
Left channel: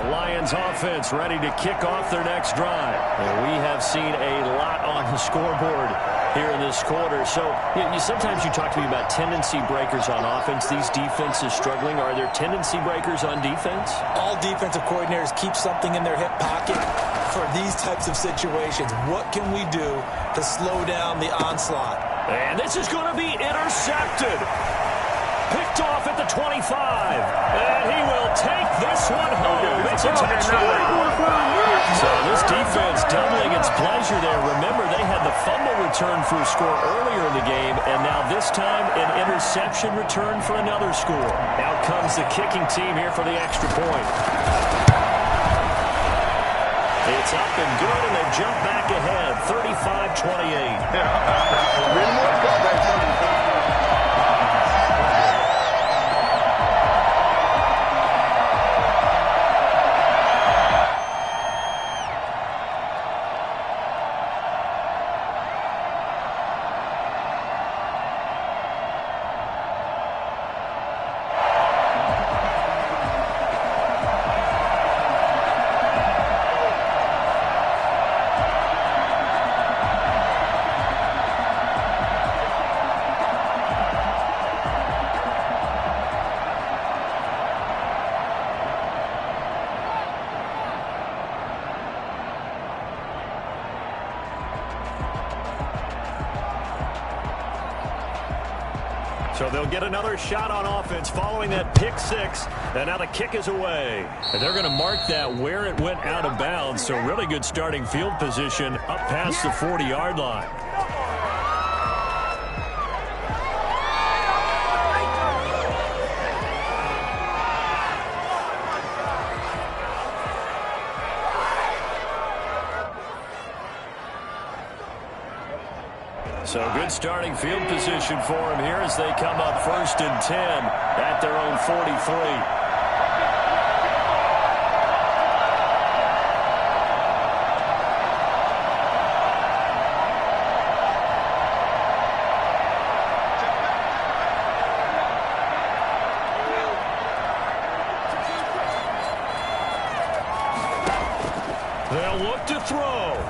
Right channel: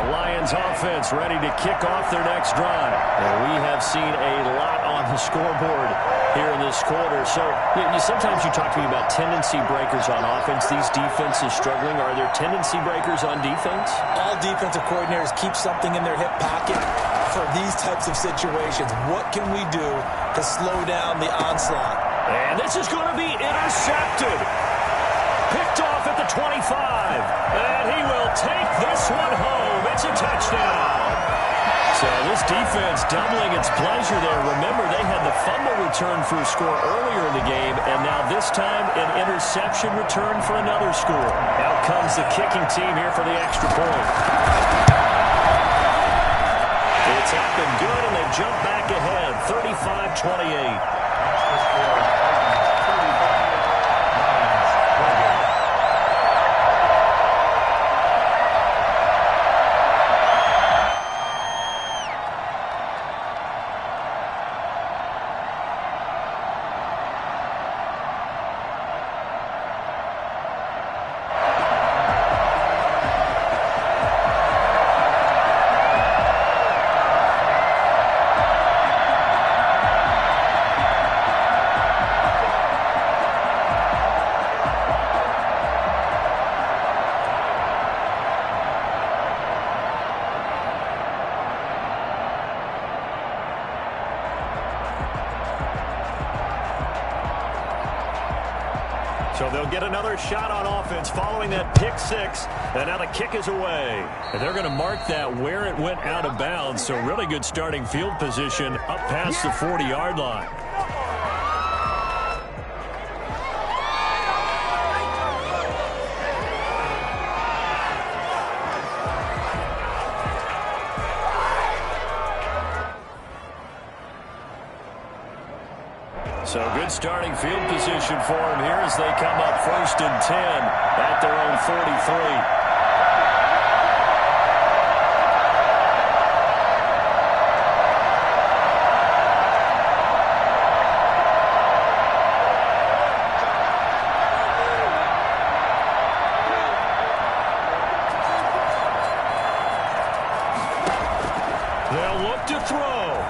The Lions offense ready to kick off their next drive. And we have seen a lot on the scoreboard here in this quarter. So sometimes you talk to me about tendency breakers on offense. These defenses struggling. Are there tendency breakers on defense? All defensive coordinators keep something in their hip pocket for these types of situations. What can we do to slow down the onslaught? And this is going to be intercepted. Picked off at the 25. And he will take this one home. It's a touchdown. So this defense doubling its pleasure there. Remember, they had the fumble return for a score earlier in the game, and now this time an interception return for another score. Out comes the kicking team here for the extra point. It's up and good, and they've jumped back ahead, 35-28. So they'll get another shot on offense following that pick six. And now the kick is away. And they're going to mark that where it went out of bounds. So really good starting field position up past the 40-yard line. So good starting field position for him here as they come up 1st and 10 at their own 43. They'll look to throw.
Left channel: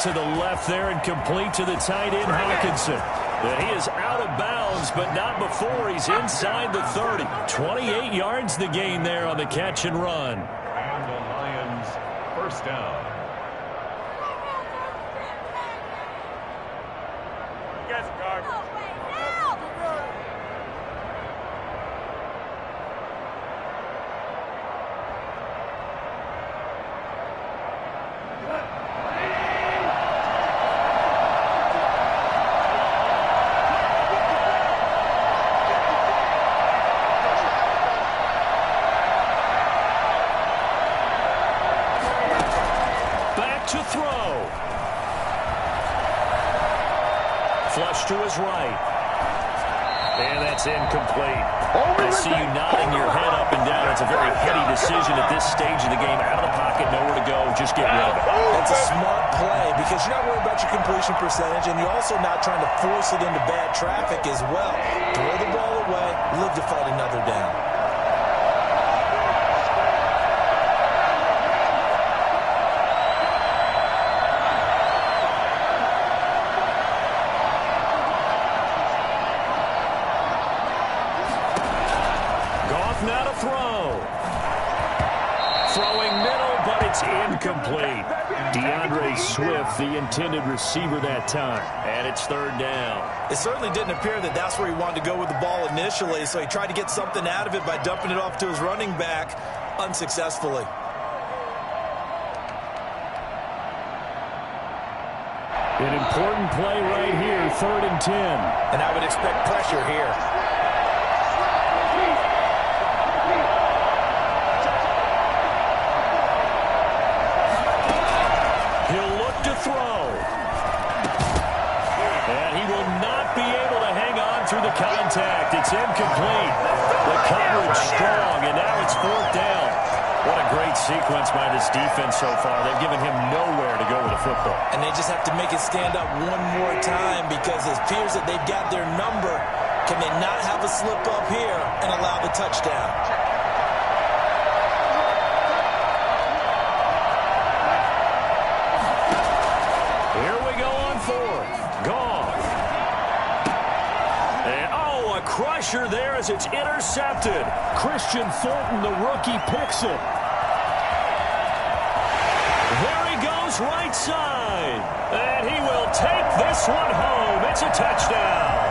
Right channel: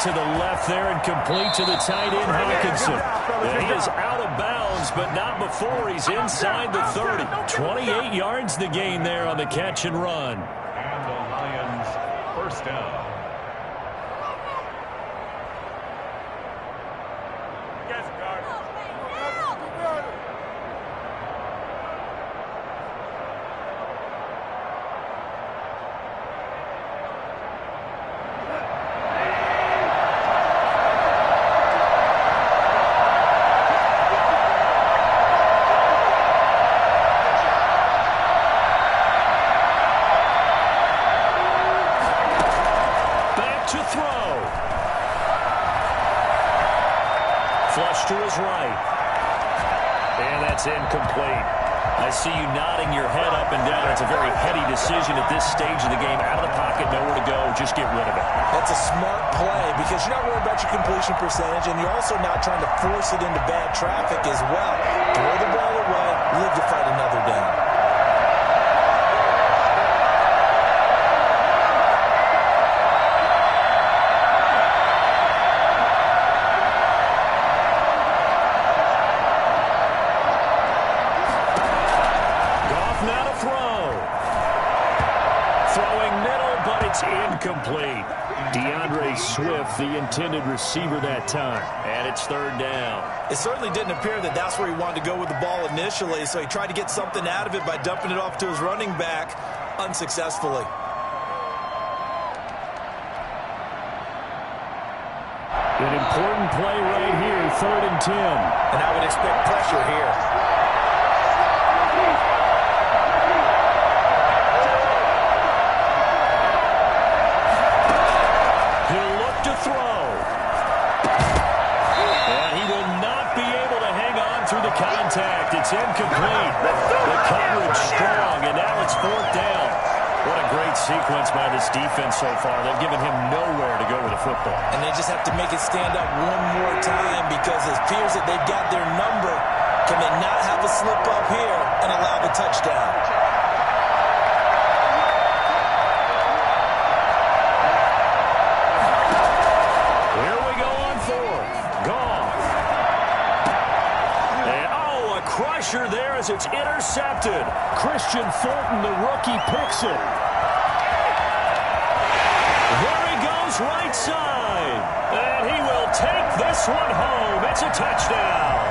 To the left there and complete to the tight end, Hawkinson. He is out of bounds, but not before he's inside the 30. 28 yards the gain there on the catch and run. And the Lions first down. Yes, guard. To throw. Flush to his right. And that's incomplete. I see you nodding your head up and down. It's a very heady decision at this stage of the game. Out of the pocket, nowhere to go. Just get rid of it. That's a smart play because you're not worried about your completion percentage, and you're also not trying to force it into bad traffic as well. Throw the ball away, live to fight another down. Now to throw. Throwing middle, but it's incomplete. DeAndre Swift, the intended receiver that time. And it's 3rd down. It certainly didn't appear that that's where he wanted to go with the ball initially, so he tried to get something out of it by dumping it off to his running back unsuccessfully. An important play right here, 3rd and 10. And I would expect pressure here. Throw. And he will not be able to hang on through the contact. It's incomplete. The coverage strong, and now it's 4th down. What a great sequence by this defense so far. They've given him nowhere to go with the football. And they just have to make it stand up one more time because it appears that they've got their number. Can they not have a slip up here and allow the touchdown? pressure there as it's intercepted. Christian Fulton, the rookie, picks it. There he goes right side. And he will take this one home. It's a touchdown.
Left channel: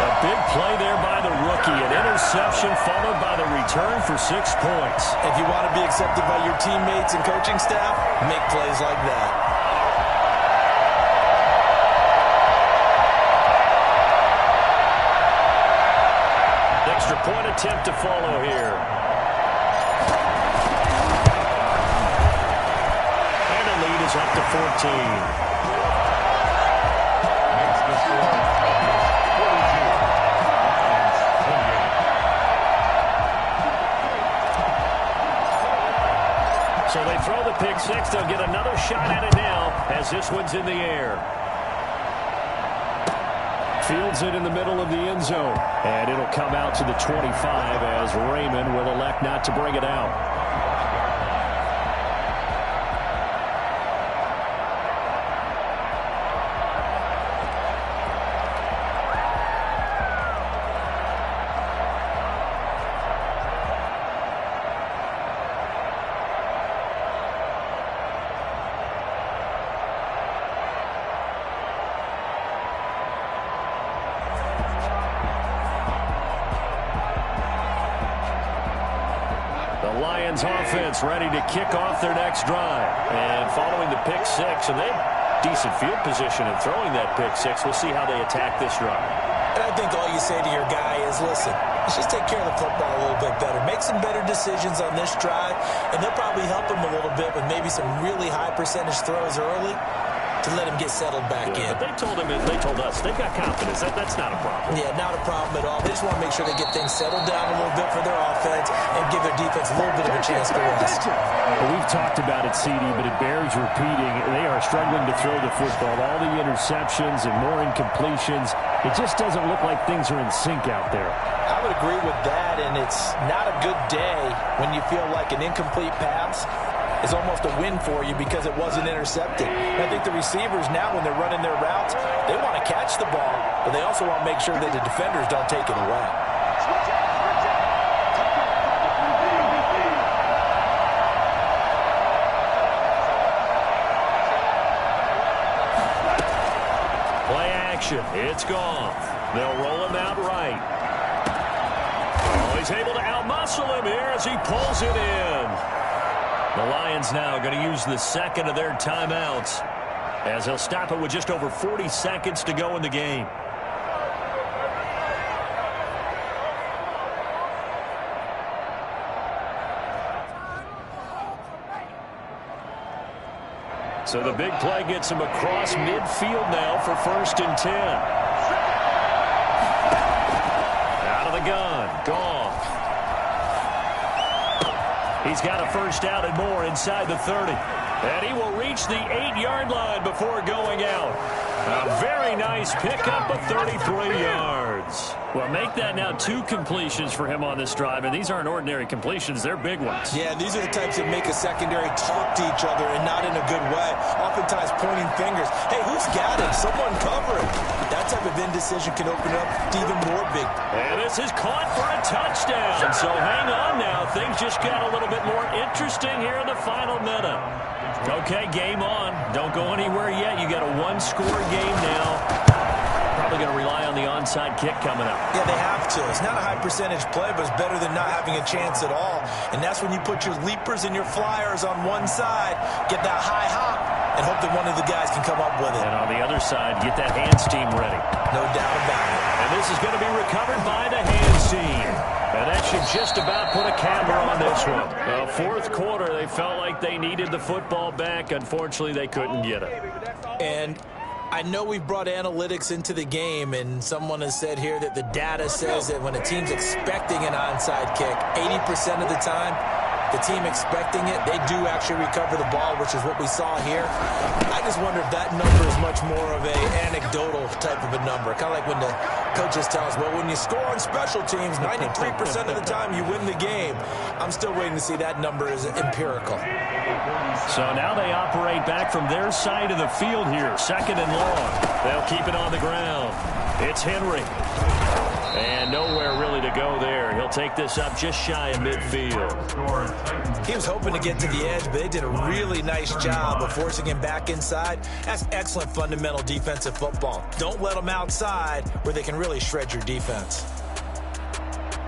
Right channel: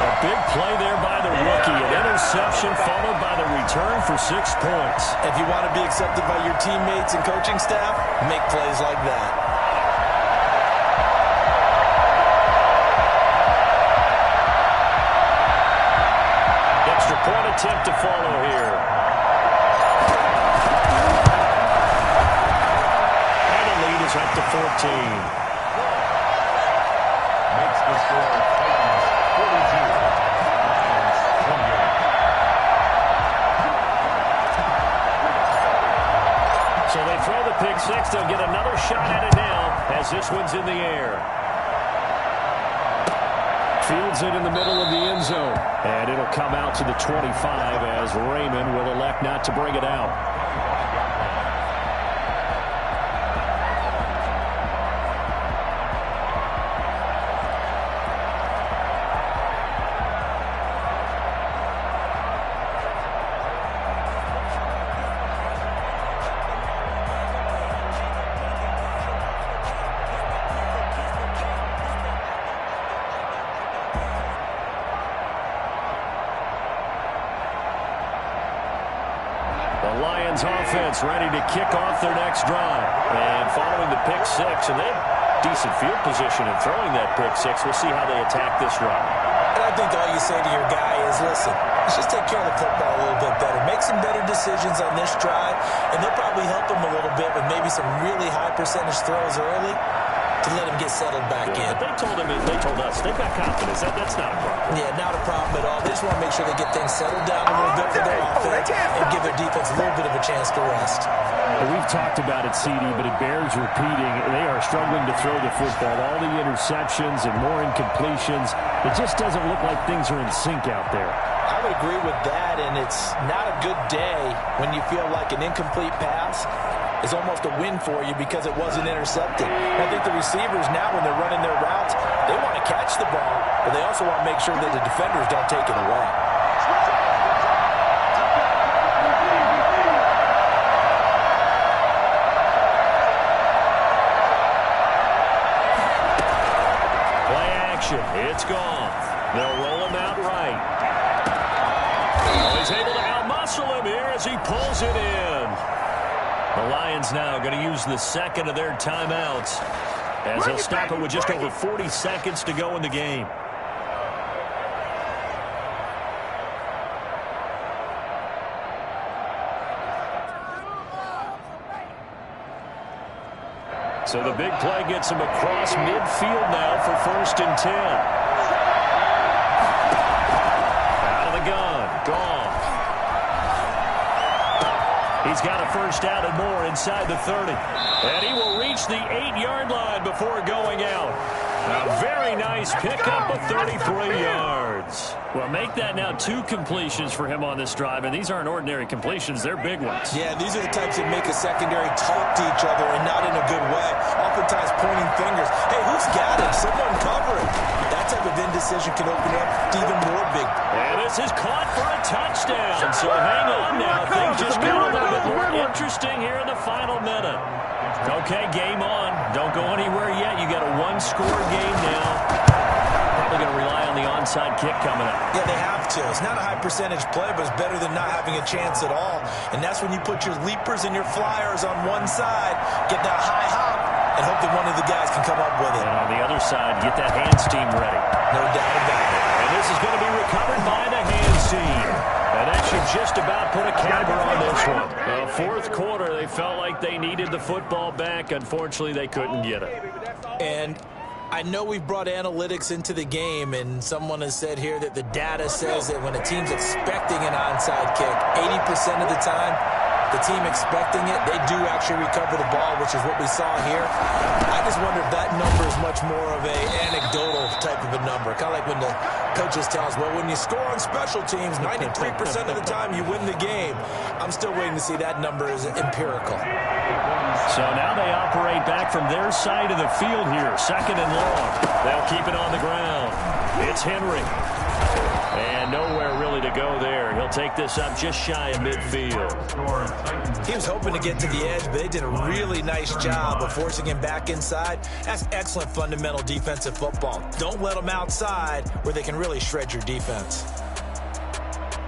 A big play there by the rookie. An interception followed by the return for 6 points. If you want to be accepted by your teammates and coaching staff, make plays like that. Extra point attempt to follow here. And the lead is up to 14. Makes the score Titans 42, Lions 28. So they throw the pick six. They'll get another shot at it now as this one's in the air. Fields it in the middle of the end zone. And it'll come out to the 25 as Raymond will elect not to bring it out. The Lions offense ready to kick off their next drive. And following the pick six, and they have decent field position in throwing that pick six. We'll see how they attack this run. And I think all you say to your guy is, listen, let's just take care of the football a little bit better. Make some better decisions on this drive, and they'll probably help him a little bit with maybe some really high percentage throws early to let him get settled back in. But they told us, they've got confidence. That's not a problem. Yeah, not a problem at all. They just want to make sure they get things settled down a little bit for their offense and give their defense a little bit of a chance to rest. Well, we've talked about it, CD, but it bears repeating. They are struggling to throw the football. All the interceptions and more incompletions. It just doesn't look like things are in sync out there. I would agree with that, and it's not a good day when you feel like an incomplete pass is almost a win for you because it wasn't intercepted. And I think the receivers now, when they're running their routes, they want to catch the ball, but they also want to make sure that the defenders don't take it away. Play action. It's gone. They'll roll him out right. Oh, he's able to outmuscle him here as he pulls it in. The Lions now going to use the second of their timeouts as they'll stop it with just over 40 seconds to go in the game. So the big play gets him across midfield now for 1st and 10. Out of the gun. Gone. He's got a first down and more inside the 30. And he will reach the 8-yard line before going out. A very nice pickup of 33 yards. Well, make that now 2 completions for him on this drive, and these aren't ordinary completions. They're big ones. Yeah, these are the types that make a secondary talk to each other and not in a good way. Oftentimes pointing fingers. Hey, who's got him? Someone cover him. That type of indecision can open up to even more big. And this is caught for a touchdown. So hang on now. Things just got a little bit more interesting here in the final minute. Okay, game on. Don't go anywhere yet. You got a 1-score game now. Probably going to rely on the onside kick coming up. Yeah, they have to. It's not a high percentage play, but it's better than not having a chance at all. And that's when you put your leapers and your flyers on one side, get that high hop, and hope that one of the guys can come up with it. And on the other side, get that hands team ready. No doubt about it. And this is going to be recovered by the hands team. And that should just about put a camera on this one. The 4th quarter, they felt like they needed the football back. Unfortunately, they couldn't get it. And I know we've brought analytics into the game, and someone has said here that the data says that when a team's expecting an onside kick, 80% of the time, the team expecting it, they do actually recover the ball, which is what we saw here. I just wonder if that number is much more of an anecdotal type of a number. Kind of like when the coaches tell us, well, when you score on special teams, 93% of the time you win the game. I'm still waiting to see that number is empirical. So now they operate back from their side of the field here, 2nd and long. They'll keep it on the ground. It's Henry. And nowhere really to go there. He'll take this up just shy of midfield. He was hoping to get to the edge, but they did a really nice job of forcing him back inside. That's excellent fundamental defensive football. Don't let them outside where they can really shred your defense.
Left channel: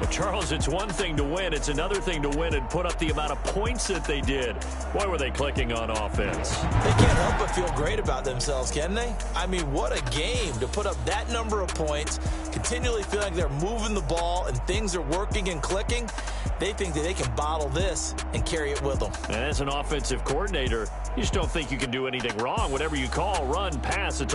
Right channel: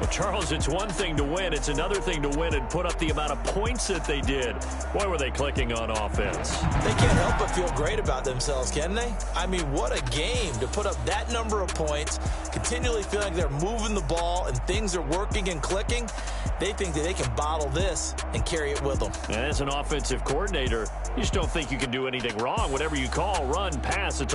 Well, Charles, it's one thing to win. It's another thing to win and put up the amount of points that they did. Boy, were they clicking on offense. They can't help but feel great about themselves, can they? I mean, what a game to put up that number of points, continually feeling like they're moving the ball and things are working and clicking. They think that they can bottle this and carry it with them. And as an offensive coordinator, you just don't think you can do anything wrong. Whatever you call, run, pass, it's